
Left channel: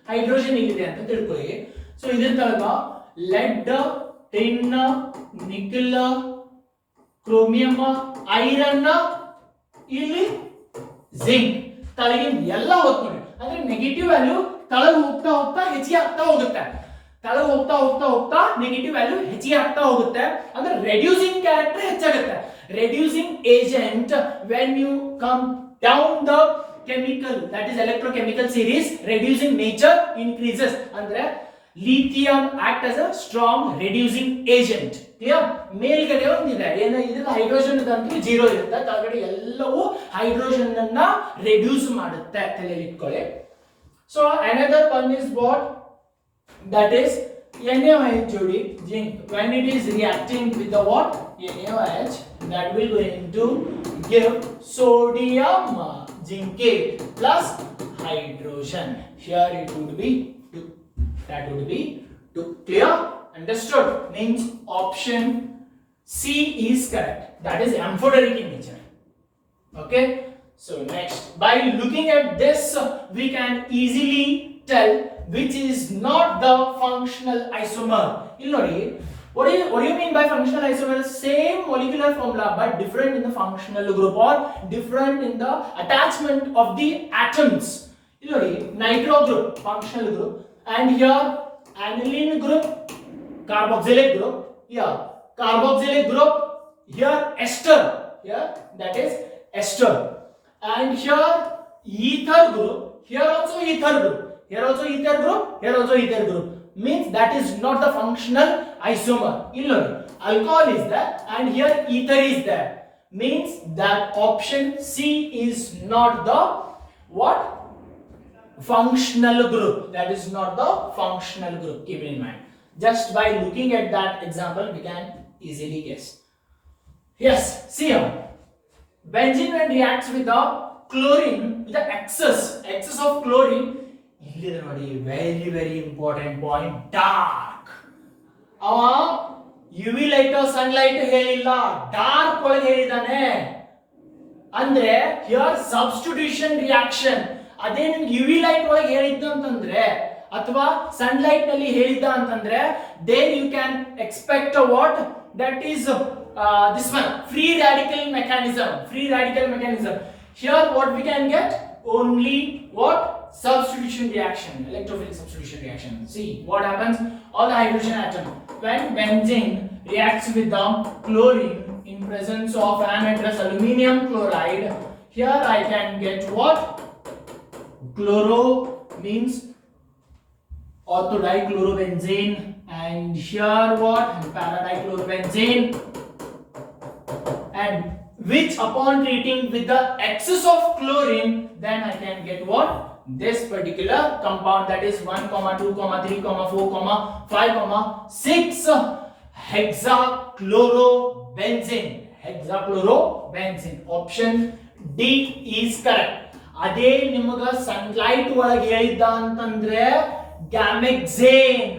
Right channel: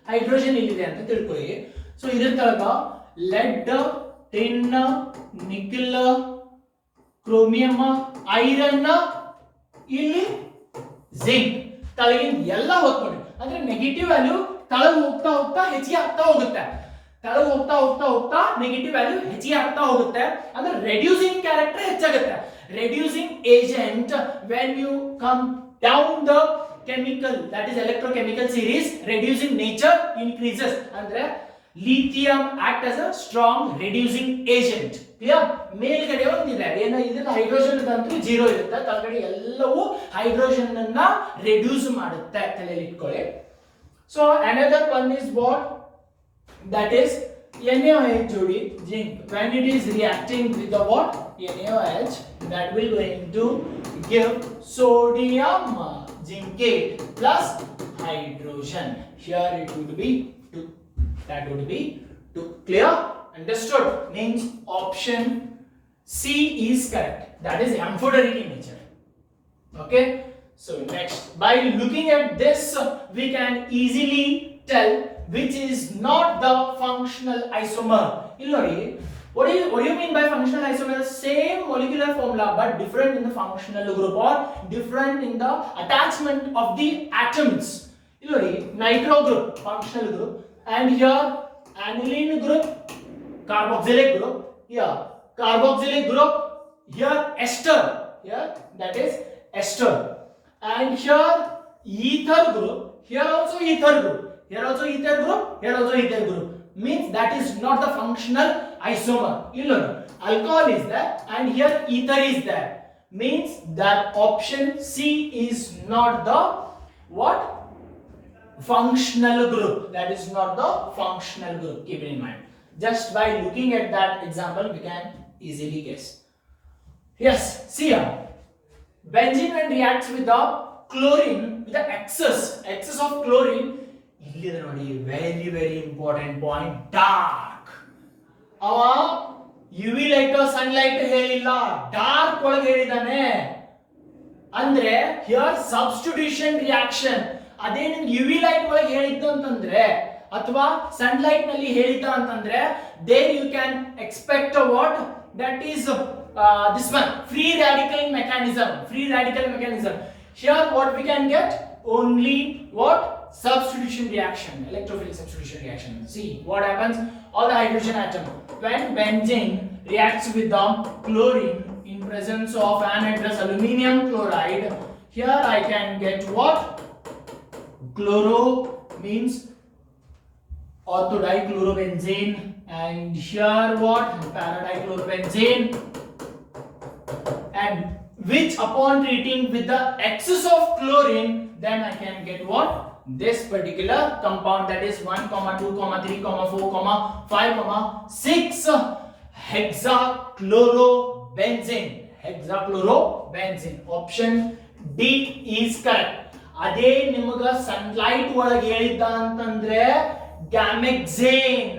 ಹೈಡ್ರೋಜನ್ ಇಲ್ಲಿದೆ ಅಂತ ತಿಳ್ಕೊಳ್ಳಿ. ಸೊ ಇದ್ರ ತಳಗ ಲೆಡ್, ಟಿನ್, ನಿಕಲ್, ಕ್ರೋಮಿಯಂ, ಐರನ್, ಇಲ್ಲಿ ಜಿಂಕ್, ತಳಗಿನ ಎಲ್ಲ ಓದ್ಕೊಳ್ಳಿ. ಅಂದ್ರೆ ನೆಗೆಟಿವ್ ವ್ಯಾಲ್ಯೂ ತಳಗ ಹೋಗ್ತಾ ಹೋಗ್ತಾ ಹೆಚ್ಚಿಗೆ ಆಗ್ತಾ ಹೋಗುತ್ತೆ, ತಳಗ ಹೋಗ್ತಾ ಹೋಗ್ತಾ ಹೋಗ್ತಾ ನೆಗೆಟಿವ್ ವ್ಯಾಲ್ಯೂ ಹೆಚ್ಚಿಗೆ ಆಗ್ತಾ ಹೋಗುತ್ತೆ. ಅಂದ್ರೆ ರೆಡ್ಯೂಸಿಂಗ್ ಕ್ಯಾರೆಕ್ಟರ್ ಹೆಚ್ಚಾಗುತ್ತೆ. Reducing agent when you come down the chemical, that is electrochemical series, reducing nature increases. ಅಂದ್ರೆ lithium act as a strong reducing agent. Clear? ಮೇಲ್ಗಡೆ ಒಂದಿದೆ ಏನು, ಇದನ್ನ ಹೈಡ್ರೋಜನ್ ಅಂತೂ 0 ಇರುತ್ತೆ, ಕೆಳಗಡೆ ಎಲ್ಲವೂ ಹೈಡ್ರೋಜನ್ ಅನ್ನ ರೆಡ್ಯೂಸ್ ಮಾಡುತ್ತೆ, ತಲೆಯಲ್ಲಿ ಇಟ್ಕೊಳ್ಳಿ. So another one is what, that is NaOH jodi zinc. When it is reacting with the what, NaOH, that will going to give sodium zincate plus hydrogen. Here it would be 2. That would be 2. Clear? Understood? Means option C is correct. That is amphoteric in nature. Okay? So next, by looking at this, we can easily tell which is not the functional isomer. ಇಲ್ಲಿ ನೋಡಿ, what do you mean by functional isomer? Same molecular formula but different in the functional group or different in the attachment of the atoms. ಇಲ್ಲಿ ನೋಡಿ, nitro group functional group, and here aniline group, carboxylic group, here carboxylic group, here ester, here that is ester, and here ether group, here also ether group, here also ether group, here also ether group. Means that is not the functional isomer. Illo, alcohol is there and here ether is there. Means that option C is not the what, functional group. That is not the functional group. Keep it in mind. Just by looking at that example, we can easily guess. Yes, see here. Benzene when reacts with the chlorine, with the excess of chlorine, ಇಲ್ಲಿ ನೋಡಿ, very very important point, dark. ಅವ UV light sunlight ಹೇಳಿಲ್ಲ, dark ಒಳಗೆ ಹೇಳಿದಾನೆ. ಅಂದ್ರೆ here substitution reaction. ಅದೇ ನಿಮ್ಗೆ UV light ಒಳಗೆ ಹೇಳಿದ್ದು ಅಂತಂದ್ರೆ ಅಥವಾ ಸನ್ಲೈಟ್ ನಲ್ಲಿ ಹೇಳಿದ್ದ ಅಂತಂದ್ರೆ, there you can expect what, that is this one, free radical mechanism. Here what we can get, only what, substitution reaction, electrophilic substitution reaction. See what happens, all the hydrogen atom, when benzene reacts with the chlorine in presence of anhydrous aluminium chloride, here I can get what? Chloro means orthodichlorobenzene, and here what? Paradichlorobenzene, and which upon treating with the excess of chlorine, then I can get what? This particular compound, that is 1, 2, 3, 4, 5, 6 hexachlorobenzene. Hexachlorobenzene. Option D is correct. ಅದೇ ನಿಮಗೆ sunlight ಒಳಗೆ ಹೇಳಿದ್ದ ಅಂತಂದ್ರೆ gamexane.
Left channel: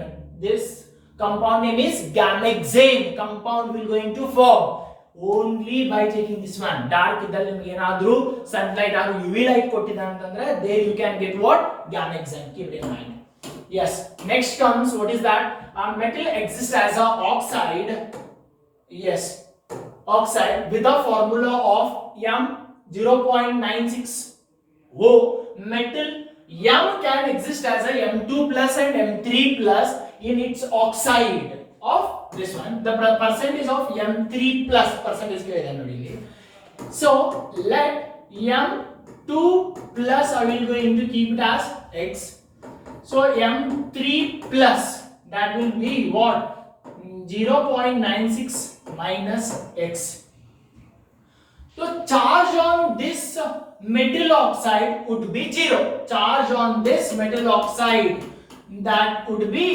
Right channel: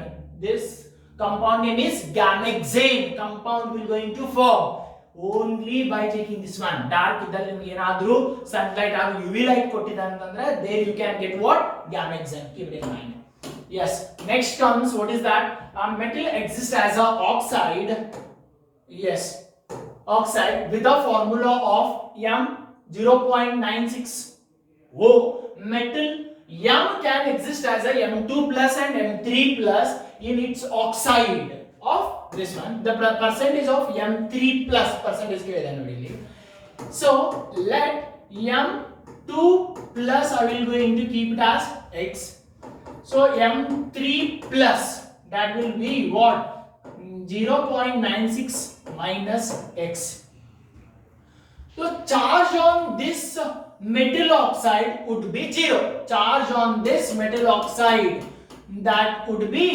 This compound name is gamexane. Compound will going to form only by taking this one. Dark ಇದ್ದಲ್ಲಿ ನಿಮಗೆ ಏನಾದರೂ sunlight ಹಾಗೂ UV light ಕೊಟ್ಟಿದ್ದ ಅಂತಂದ್ರೆ there you can get what? Gamexane. Keep it in mind. Yes. Next comes, what is that? Metal exists as a oxide. Yes. Oxide with a formula of M 0.96. Metal M can exist as a M2 plus and M3 plus in its oxide of this one. The percentage of M3 plus percentage given already. So let M2 plus I will going to keep it as X. So M3 plus, that will be what? 0.96 minus X. So charge on this metal oxide would be 0. Charge on this metal oxide, that would be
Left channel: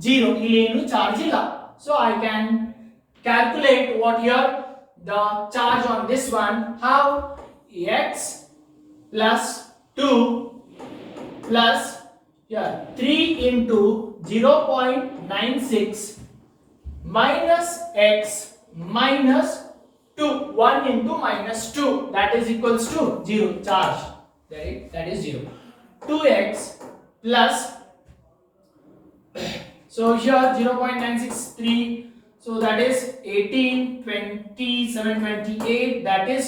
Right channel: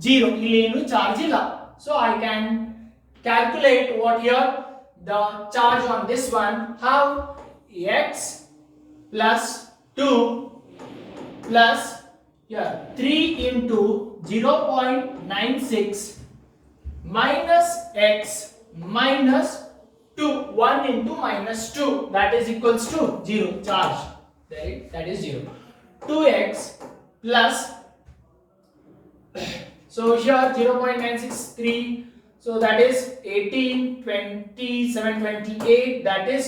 0. Illenu charge illa. So I can calculate what here the charge on this one. How? X plus 2 plus here 3 into 0.96 minus X minus 2, 1 into minus 2, that is equals to 0 charge, right? That is 0. 2x plus, so here 0.963, so that is 18, 27, 28, that is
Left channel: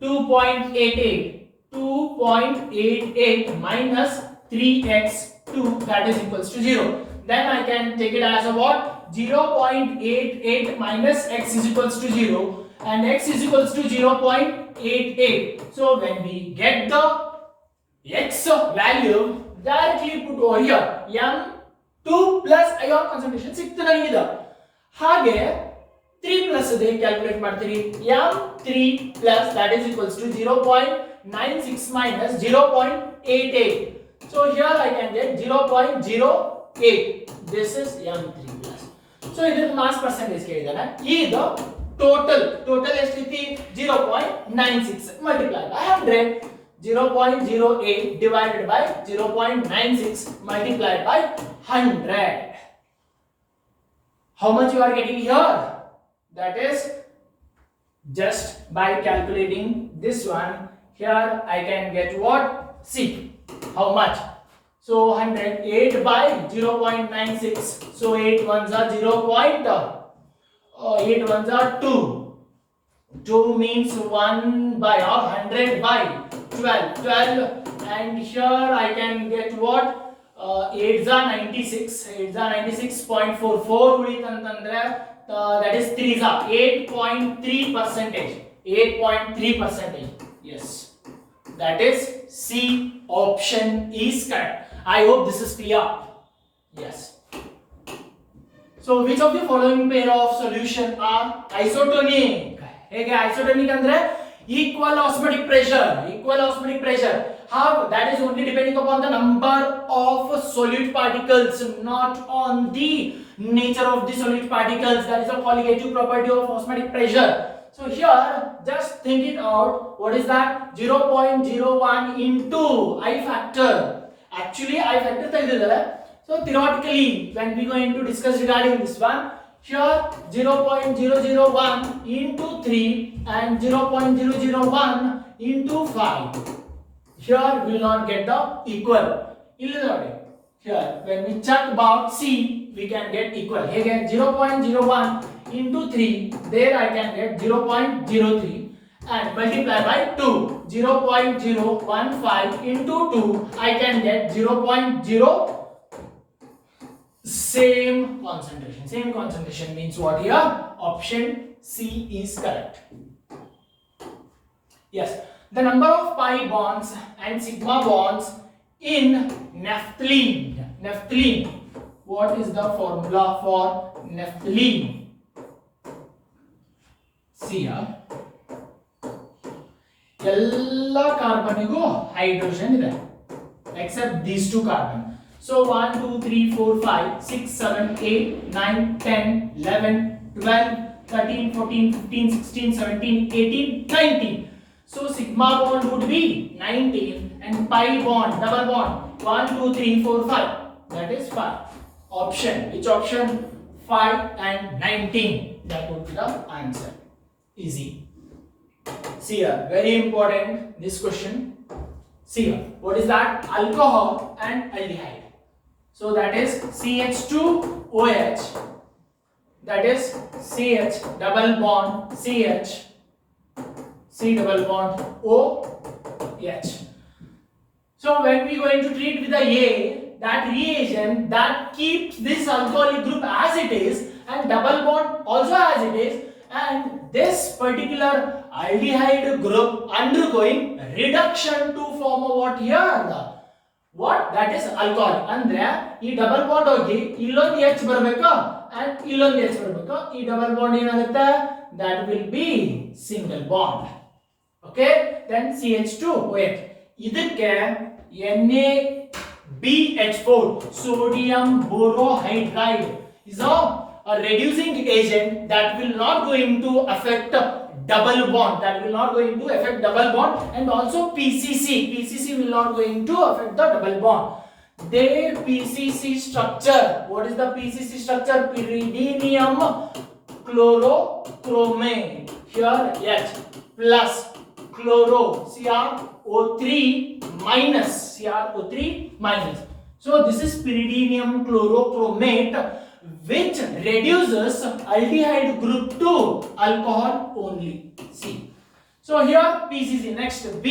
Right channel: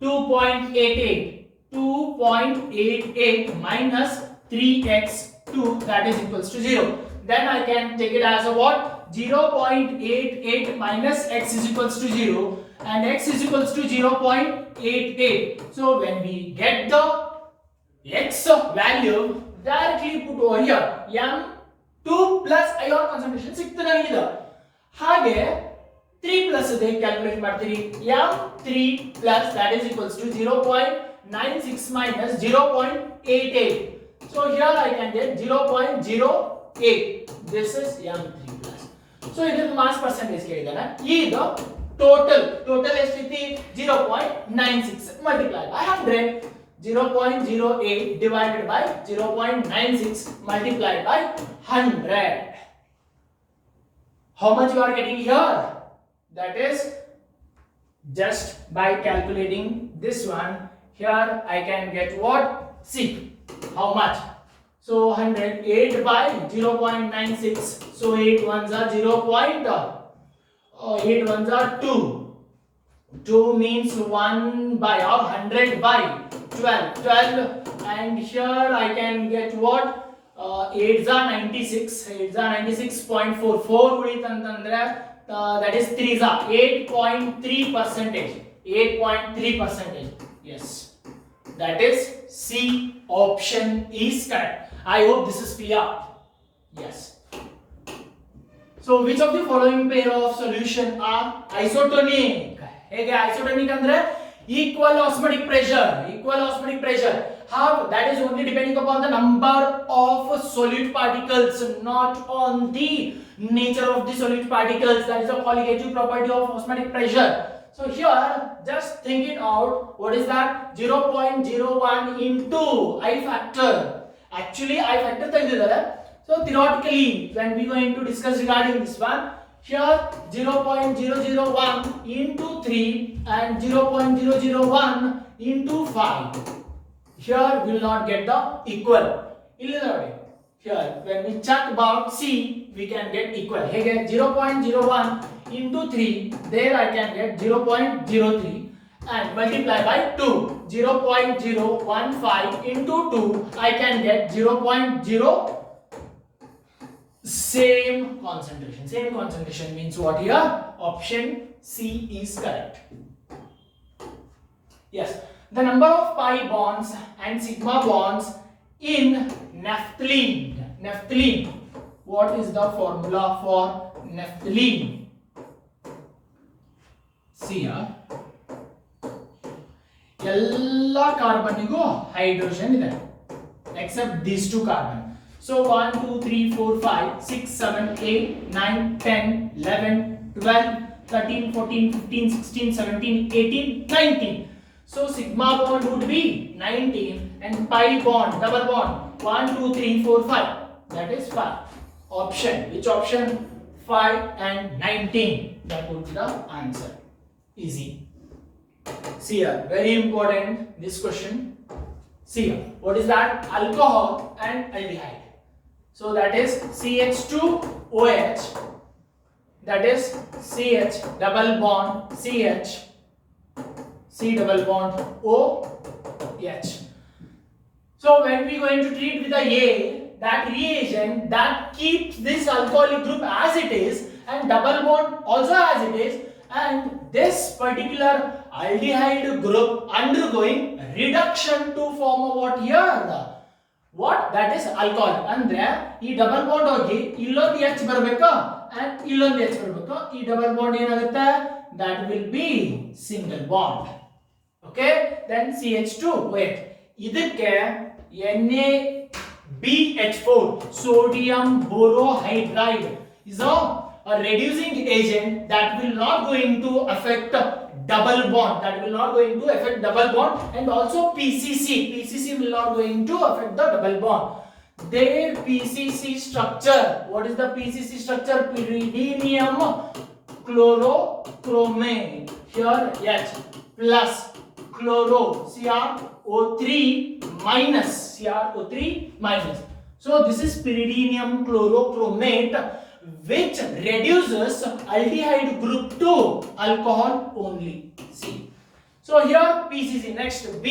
2.88. 2.88 minus 3x 2, that is equals to 0. Then I can take it as a what? 0.88 minus x is equals to 0. And x is equals to 0.88. So when we get the x value, directly put over here. M2 plus ion concentration ಸಿಕ್ತು ನನಗಿದೆ. ಹಾಗೆ 3 plus ಇದೆ calculate ಮಾಡ್ತೀರಿ. M3 plus, that is equals to 0.96 minus 0.88. So here I can get 0.08. This is M3 plus. So ಇದರ mass percentage ಕೇಳಿದಾನೆ. ಈಗ total ಎಷ್ಟಿತಿ 0.96 multiplied by 100. 0.08 divided by 0.96 multiplied by 100. How much you are getting here? That is just by calculating this one. Here I can get what? See how much. So 108 by 0.96. So 8 ones are 8 ones are 2. 2 means 1 by, or 100 by 12. 12, and here I can get what? 8s are 96. 8s are 96.44 with antandre, that is 3s are 8.3 percentage. 8.3 percentage. Yes, that is C option is correct. I hope this is clear. Yes. So which of the following pair of solution are isotonic? ಹೇಗೆ isotonic ಅಂದ್ರೆ equal osmotic pressure. Equal osmotic pressure. How? That is only depending upon the number of solute particles, not on the nature of the solute particles. That is a colligative property of osmotic pressure. So here, just think it out. What is that? 0.01 into I factor. Actually, I factor ತೆಗೆದಿದ್ದಾರೆ. So theoretically, when we going to discuss regarding this one, here 0.001 into 3 and 0.001 into 5. Here will not get the equal. Here, when we check about C, we can get equal. Here 0.01 into 3, there I can get 0.03, and multiply by 2. 0.015 into 2, I can get 0.0. Same concentration. Same concentration means what here? Option C is correct. Yes, the number of pi bonds and sigma bonds in naphthalene. Naphthalene. What is the formula for naphthalene? See here. All carbonigu hydrogen ಇದೆ except these two carbon. So 1, 2, 3, 4, 5, 6, 7, 8, 9, 10, 11, 12, 13, 14, 15, 16, 17, 18, 19. So sigma bond would be 19 and pi bond, double bond, 1, 2, 3, 4, 5. That is 5. Option, which option? 5 and 19. That would be the answer. Easy. See here, very important this question. See here, what is that? Alcohol and aldehyde. So that is CH2OH, that is CH double bond CH, C double bond OH. So when we are going to treat with the A, that reagent that keeps this alcoholic group as it is and double bond also as it is, and this particular aldehyde group undergoing reduction to form a what here? What? That is alcohol. ಅಂದ್ರೆ ಈ double bond ಹೋಗಿ ಇಲ್ಲೊಂದು H ಬರಬೇಕು and ಇಲ್ಲೊಂದು H ಬರಬೇಕು. ಈ double bond ಏನಾಗುತ್ತೆ? That will be single bond. Okay? Then CH2OH. ಇದಕ್ಕೆ NaBH4 sodium borohydride is a reducing agent that will not going to affect double bond, that will not going to affect double bond, and also PCC will not going to affect the double bond. Their PCC structure, what is the PCC structure? Pyridinium chlorochromate, here H plus chloro CrO3 minus, so this is pyridinium chlorochromate which reduces aldehyde group to alcohol only. See, so here PCC. Next B,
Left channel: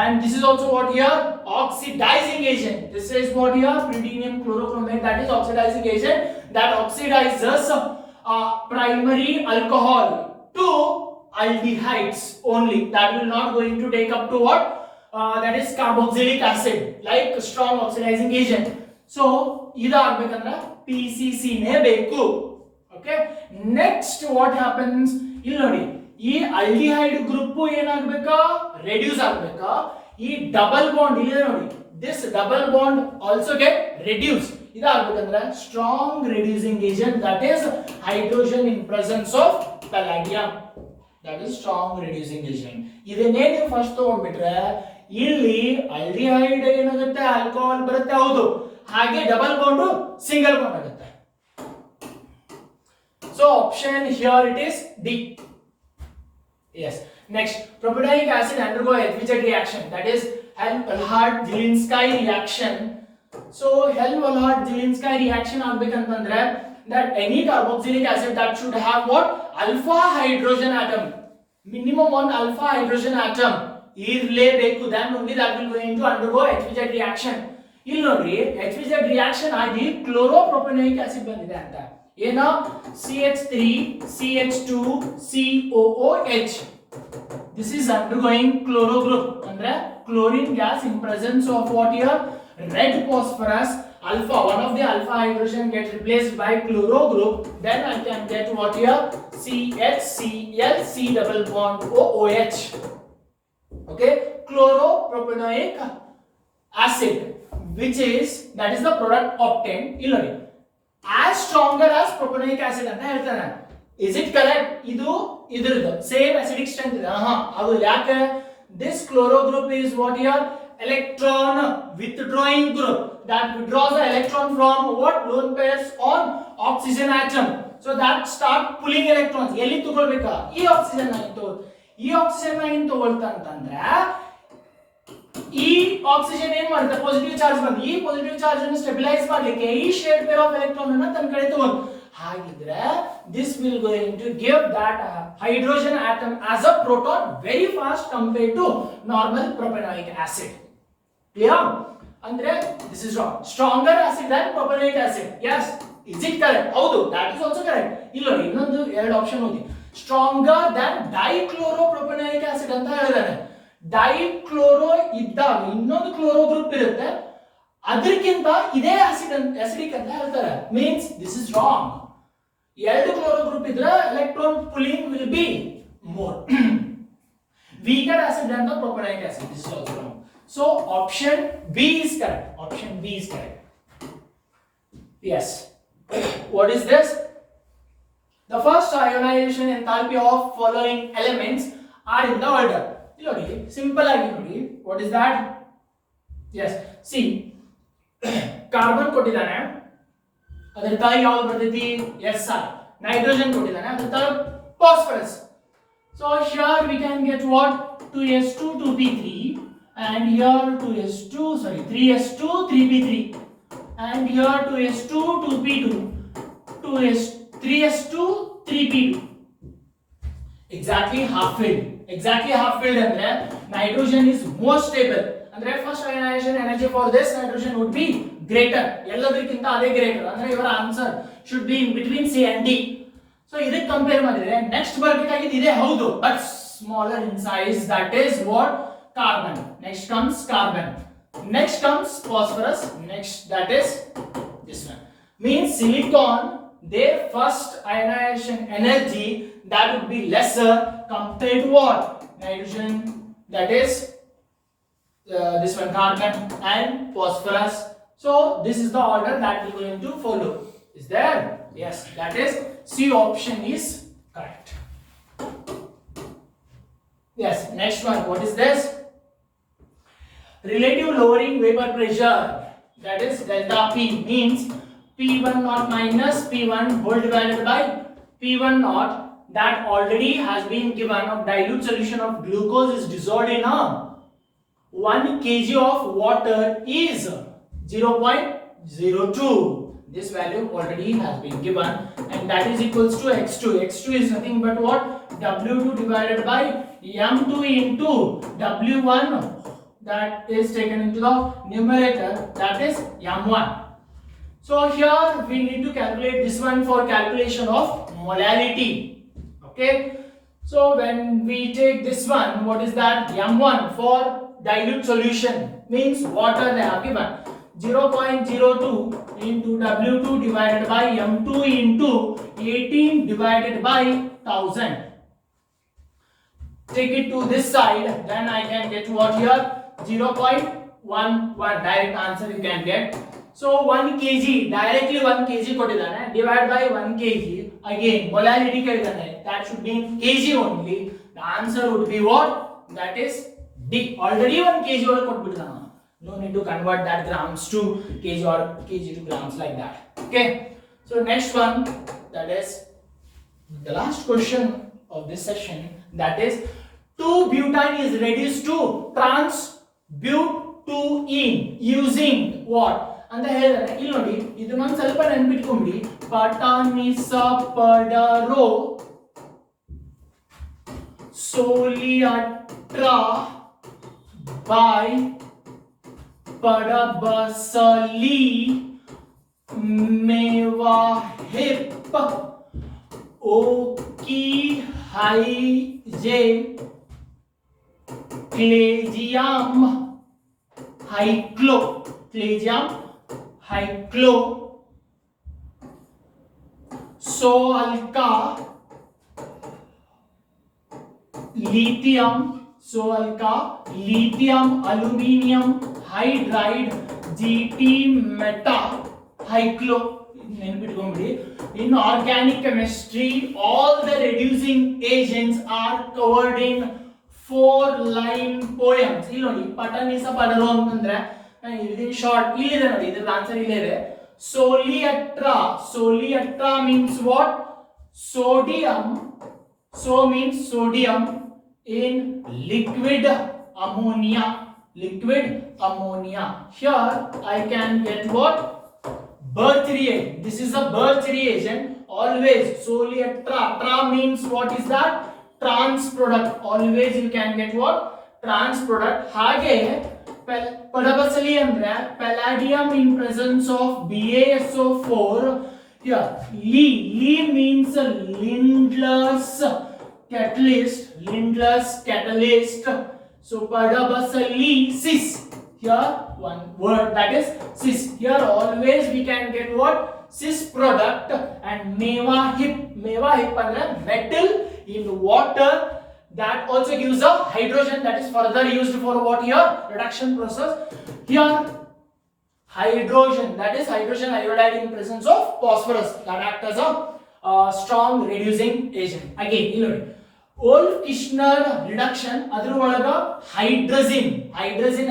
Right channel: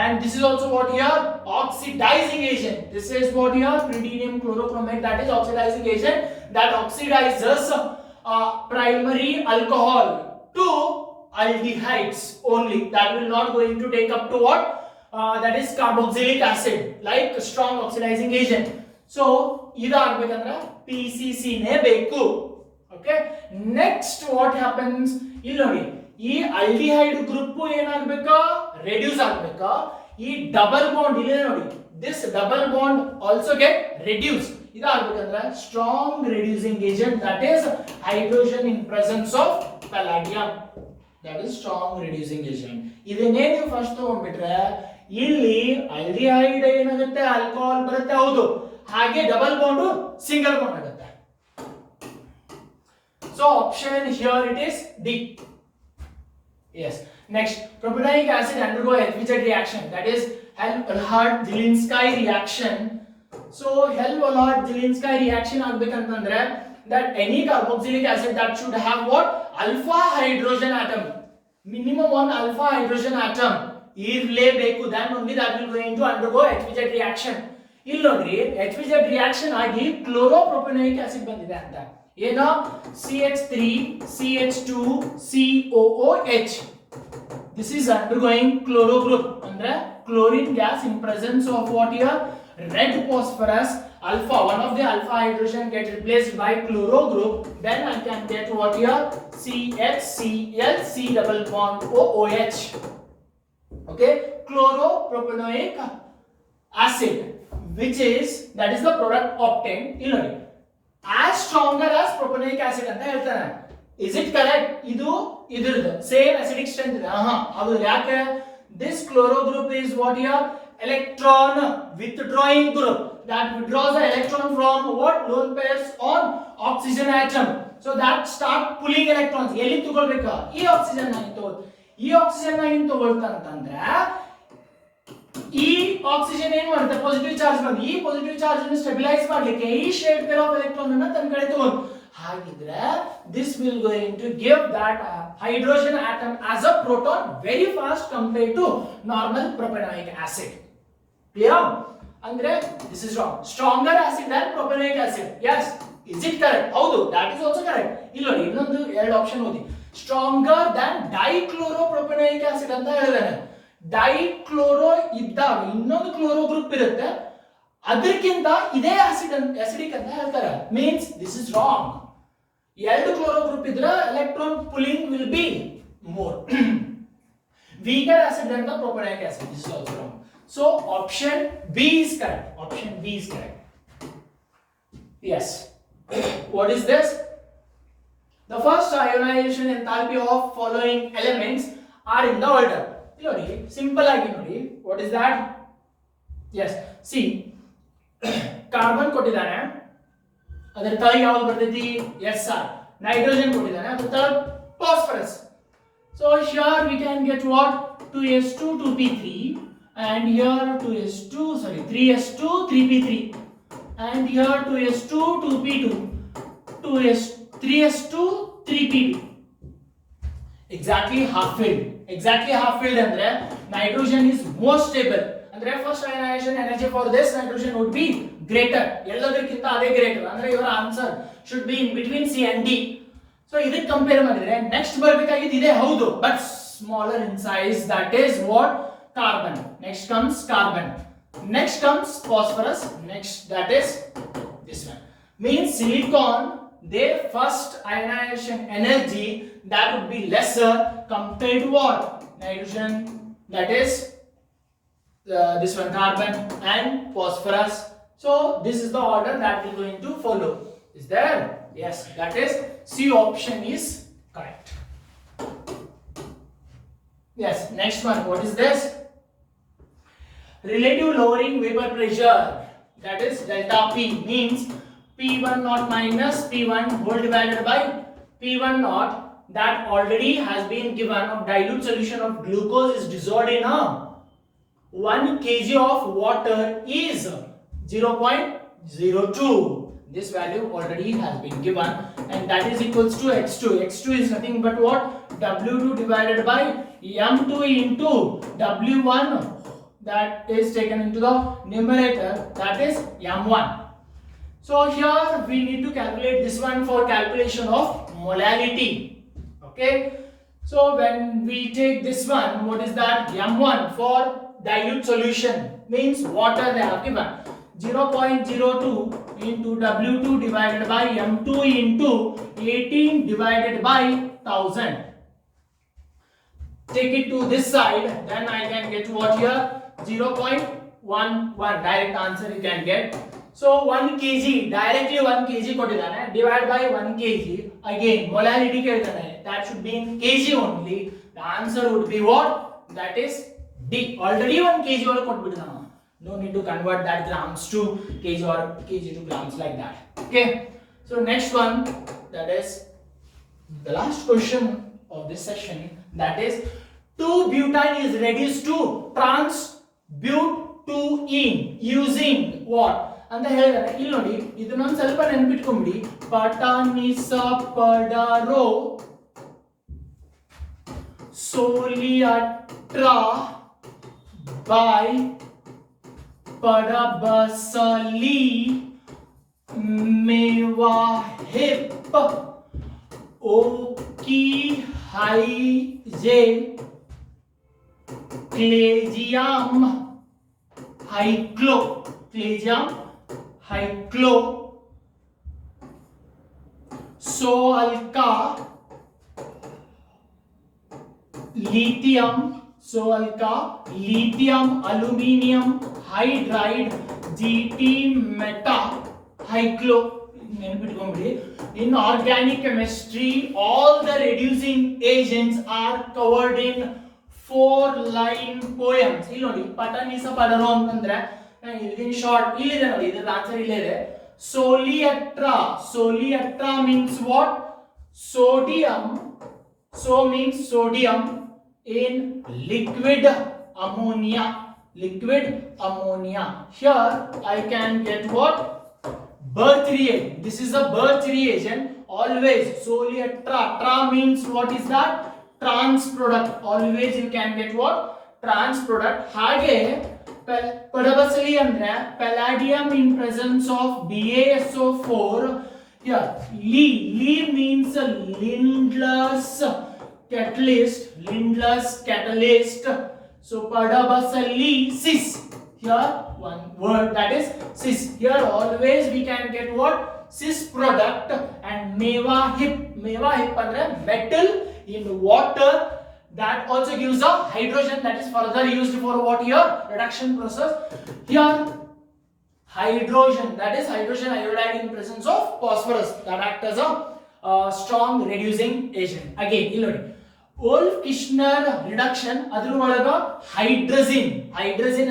and this is also what here? Oxidizing agent. This is what here? Pyridinium chlorochromate, that is oxidizing agent that oxidizes primary alcohol to aldehydes only. That will not going to take up to what? That is carboxylic acid, like strong oxidizing agent. So ಇದಾಗಬೇಕಂದ್ರೆ PCC ನೇ ಬೇಕು. Okay, next what happens? ಇಲ್ಲಿ ನೋಡಿ, ಈ aldehyde group ಏನಾಗಬೇಕಾ? Reduce ಆಗಬೇಕಾ? ಈ double bond ಇಲ್ಲಿ ನೋಡಿ, this double bond also get reduce. ಇದಾಗಬೇಕಂದ್ರೆ strong reducing agent, that is hydrogen in presence of palladium, that is strong reducing agent. ಇದನ್ನೇ ನೀವು ಫಸ್ಟ್ ತಗೊಂಡ್ಬಿಟ್ರೆ ಇಲ್ಲಿ ಆಲ್ಡಿಹೈಡ್ ಏನಾಗುತ್ತೆ? ಆಲ್ಕೋಹಾಲ್ ಬರುತ್ತೆ, ಹೌದು, ಹಾಗೆ ಡಬಲ್ ಬಾಂಡ್ ಸಿಂಗಲ್ ಬಾಂಡ್ ಆಗುತ್ತೆ. So option here it is D. Yes. Next, propanoic acid undergo HBZ reaction, that is Hell-Hellaert-Dzielinski reaction. So Hell-Hellaert-Dzielinski reaction ಆಗ್ಬೇಕಂತಂದ್ರೆ that any carboxylic acid that should have what? Alpha hydrogen atom, minimum one alpha hydrogen atom ಇರಲೇಬೇಕು, then only that will going to undergo HBZ reaction. ಇಲ್ಲಿ ನೋಡ್ರಿ, HBZ reaction ಆಗಿ ಕ್ಲೋರೋಪ್ರೊಪನೋಯಿಕ್ acid ಬಂದಿದೆ ಅಂತ. ಏನೋ CH3CH2COOH. This is undergoing chloro group, ಅಂದ್ರೆ chlorine gas in presence of what here? Red phosphorus alpha. One of the alpha hydrogen get replaced by chloro group. Then I can get what here? CHCl C double bond OOH. Okay, chloropropanoic acid, which is, that is the product obtained. ಇಲ್ಲಿ ನೋಡಿ, as stronger as propanoic acid ಅಂತ ಹೇಳ್ತಾನೆ. Is it correct? ಇದು ಇದರದು same acidic strength ಇದೆ. ಅದು ಯಾಕೆ? This chloro group is what here? Electron withdrawing group that withdraws the electron from what? Lone pairs on oxygen atom. So that start pulling electrons. ಎಲ್ಲಿ ತಗೊಳ್ಬೇಕಾ? ಈ oxygen ಆಗಿ ತಗೊಳ್ಳಿ. ಈ oxygen ಆಗಿ ತಗೊಳ್ತಾ ಅಂತಂದ್ರೆ ಈ ಆಕ್ಸಿಜನ್ ಏನು ಮಾಡುತ್ತೆ? ಪಾಸಿಟಿವ್ ಚಾರ್ಜ್ ಬಂದು ಈ ಪಾಸಿಟಿವ್ ಚಾರ್ಜ್ ಅನ್ನು ಸ್ಟೆಬಿಲೈಸ್ ಮಾಡಲಿಕ್ಕೆ ಈ ಶೇಡ್ ಪೇರ್ ಆಫ್ ಎಲೆಕ್ಟ್ರಾನ್ ಅನ್ನು ತನ್ನ ಕಡೆ ತಗೊಂಡು ಹಾಗಿದ್ರೆ this will going to give that hydrogen atom as a proton very fast compared to normal propanoic acid. Clear? Andre this is wrong. Stronger acid than propanoic acid. Yes. Is it correct? ಹೌದು, that is also correct. ಇಲ್ಲಿ ನೋಡಿ ಇನ್ನೊಂದು ಎರಡು option ಓದಿ. Stronger than dichloropropanoic acid ಅಂತ ಹೇಳಿದಾನೆ. Dichloro ಇದ್ದಾಗ ಇನ್ನೊಂದು ಕ್ಲೋರೋ ಗ್ರೂಪ್ ಇರುತ್ತೆ, ಅದಕ್ಕಿಂತ ಇದೇ ಆಸಿಡಿಕ್ ಅಂತ ಹೇಳ್ತಾರೆ. Means this is wrong. ಎರಡು ಕ್ಲೋರೋ ಗ್ರೂಪ್ ಇದ್ರೆ electron pulling will be more weaker acid than the propanoic acid. This is also wrong. So option B is correct. Option B is correct. Yes. What is this? The first ionization enthalpy of following elements are in the order. ನೋಡಿ simple ಆಗಿ ನೋಡಿ. What is that? Yes. See, carbon ಕೊಟ್ಟಿದ್ದಾನೆ, ಅದರ ತಳಗೆ ಯಾವುದು ಬರ್ತೈತಿ? SR. Nitrogen ಕೊಟ್ಟಿದ್ದಾನೆ, ಅದರ ತಳಗೆ phosphorus. So here we can get what? 2s2 2p3 and here 3s2 3p3 and here 2s2 2p2 3s2 3p2. Exactly half filled. Exactly half filled andre nitrogen is more stable. Andre first ionization energy for this nitrogen would be greater. ಎಲ್ಲದಕ್ಕಿಂತ ಅದೇ greater. ಅಂದ್ರೆ ಇವರ answer should be in between C and D. So ಇದಕ್ಕೆ compare ಮಾಡಿದ್ರೆ next ಬರಬೇಕಾಗಿದ್ದು ಇದೆ ಹೌದು, but smaller in size. That is what? Carbon. Next comes carbon, next comes phosphorus, next that is this one. Means silicon, their first ionization energy that would be lesser compared to what? Nitrogen, that is this one, carbon and phosphorus. So this is the order that we are going to follow. Is there? Yes, that is C option is correct. Yes, next one. What is this? Relative lowering vapor pressure, that is delta P, means P1 naught minus P1 whole divided by P1 naught that already has been given of dilute solution of glucose is dissolved in a 1 kg of water is 0.02. This value already has been given and that is equals to x2. x2 is nothing but what? W2 divided by m2 into W1 that is taken into the numerator, that is m1. So here we need to calculate this one for calculation of molality. Okay. So when we take this one, what is that? m1 for dilute solution, means water they have given. 0.02 into W2 divided by M2 into 18 divided by 1000. Take it to this side, then I can get what here? 0.11. Direct answer you can get. So 1 kg, directly 1 kg ಕೊಟ್ಟಿದ್ದಾನೆ, divide by 1 kg. Again molality ಕೇಳಿದ್ದಾನೆ, that should be in kg only. The answer would be what? That is D. Already 1 kg ಒಳಗೆ ಕೊಟ್ಬಿಟ್ಟಿದ್ದಾನೆ. No need to convert that grams to kg or kg to grams like that. Okay. So next one, that is the last question of this session, that is 2-butane is reduced to trans-butene using what? ಅಂತ ಹೇಳಿದಾರೆ. ಇಲ್ಲಿ ನೋಡಿ, ಇದನ್ನೊಂದು ಸ್ವಲ್ಪ ನೆನಪಿಟ್ಕೊಂಡ್ಬಿಡಿ. ಪಟಾನಿಸಪಡರೋ ಸೋಲಿಯಟ್ರಾ by Padabasali Mewahip Oki Hyje Clagium Hyclo Soalka lithium aluminium hydride GT meta hydro. In organic chemistry, all the reducing agents are covered in 4-line poems. ಇಲ್ಲಿ ನೋಡಿ, ಪಟಾನಿಸ ಪಡರೋ ಅಂತಂದ್ರೆ in short ಇಲ್ಲಿದೆ ನೋಡಿ, ಇದರ ಆನ್ಸರ್ ಇಲ್ಲೇ ಇದೆ. Soliatra means what? Sodium. So means sodium in liquid ammonia. Here I can get what? birth reagent. This is a birth reagent. Always solely a tra means what is that? Trans product. Always you can get what? Trans product. ಹಾಗೆ ಪಡಬಸಲಿ ಅಂದ್ರೆ palladium in presence of BaSO4. Here Li means Lindlar's catalyst. So padabasali cis. Here one word, that is cis. Here always we can get what? Cis product. And meva hip ಅಂದ್ರೆ metal in water, that also gives a hydrogen, that is further used for what? Here reduction process. Here hydrogen, that is hydrogen iodide in presence of phosphorus, that act as a strong reducing agent. Again ಇಲ್ಲಿ ನೋಡಿ Wolff-Kishner reduction, adru olaga hydrazine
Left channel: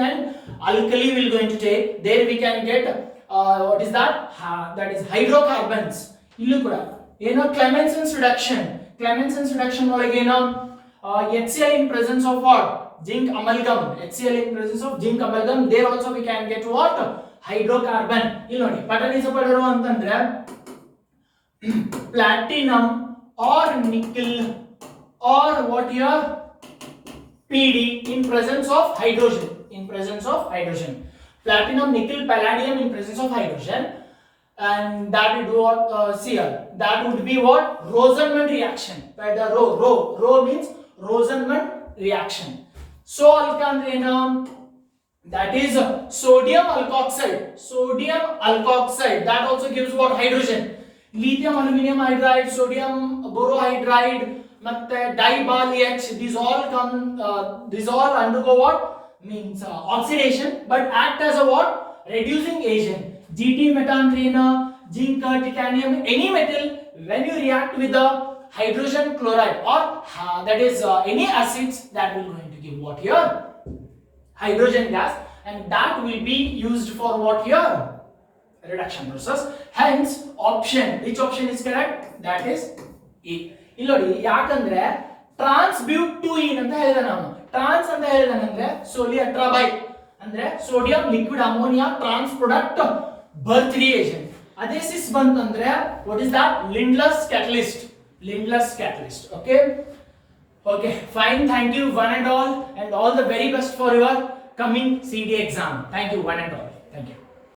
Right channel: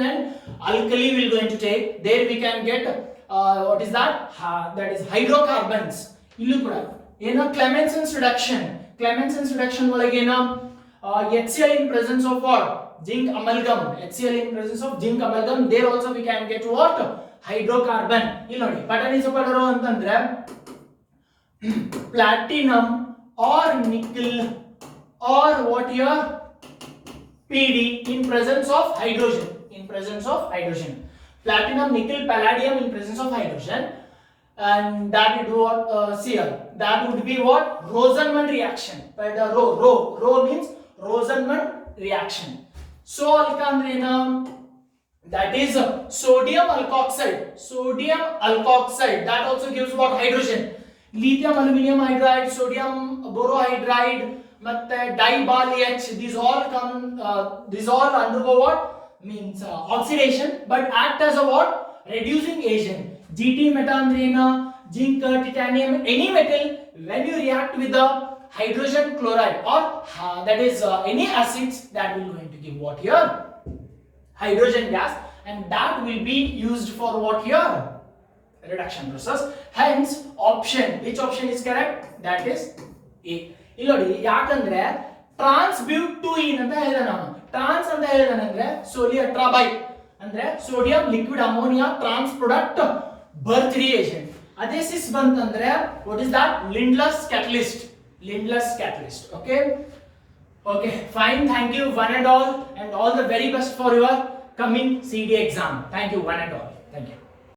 and alkali will going to take. There we can get what is that? That is hydrocarbons. Illu kuda eno Clemenson's reduction olaga eno HCl in presence of what? Zinc amalgam. HCl in presence of zinc amalgam. There also we can get what? Hydrocarbon. Illu nodi pattern is padaru antandre platinum or nickel or what here? PD in presence of hydrogen. Platinum, nickel, palladium in presence of hydrogen, and that would be what? Cl. That would be what? Rosenman reaction. By the Rho means Rosenman reaction. So alkandrena, that is sodium alkoxide. That also gives what? Hydrogen. Lithium aluminum hydride, sodium borohydride, ಮತ್ತೆ dibal H, these all undergo what? Means oxidation, but act as a what? Reducing agent. GT metanthena, zinc, titanium, any metal, when you react with the hydrogen chloride or that is any acids, that will going to give what here? Hydrogen gas, and that will be used for what here? Reduction process. Hence option, which option is correct? That is A. ಇಲ್ಲಿ ನೋಡಿ ಯಾಕಂದ್ರೆ ಟ್ರಾನ್ಸ್ಬ್ಯೂಟುಯಿನ್ ಅಂತ ಹೇಳಿದೆ ನಾನು. ಟ್ರಾನ್ಸ್ ಅಂತ ಹೇಳಿದಾನಂದ್ರೆ ಸೋಲಿ ಅಟ್ರಾಬೈ ಅಂದ್ರೆ sodium liquid ammonia trans product Birch reagent. ಅದೇ ಸಿಸ್ ಬಂತಂದ್ರೆ what is that? Lindlar's catalyst. Okay, fine. Thank you one and all the very best for your coming CD exam. Thank you one and all. Thank you.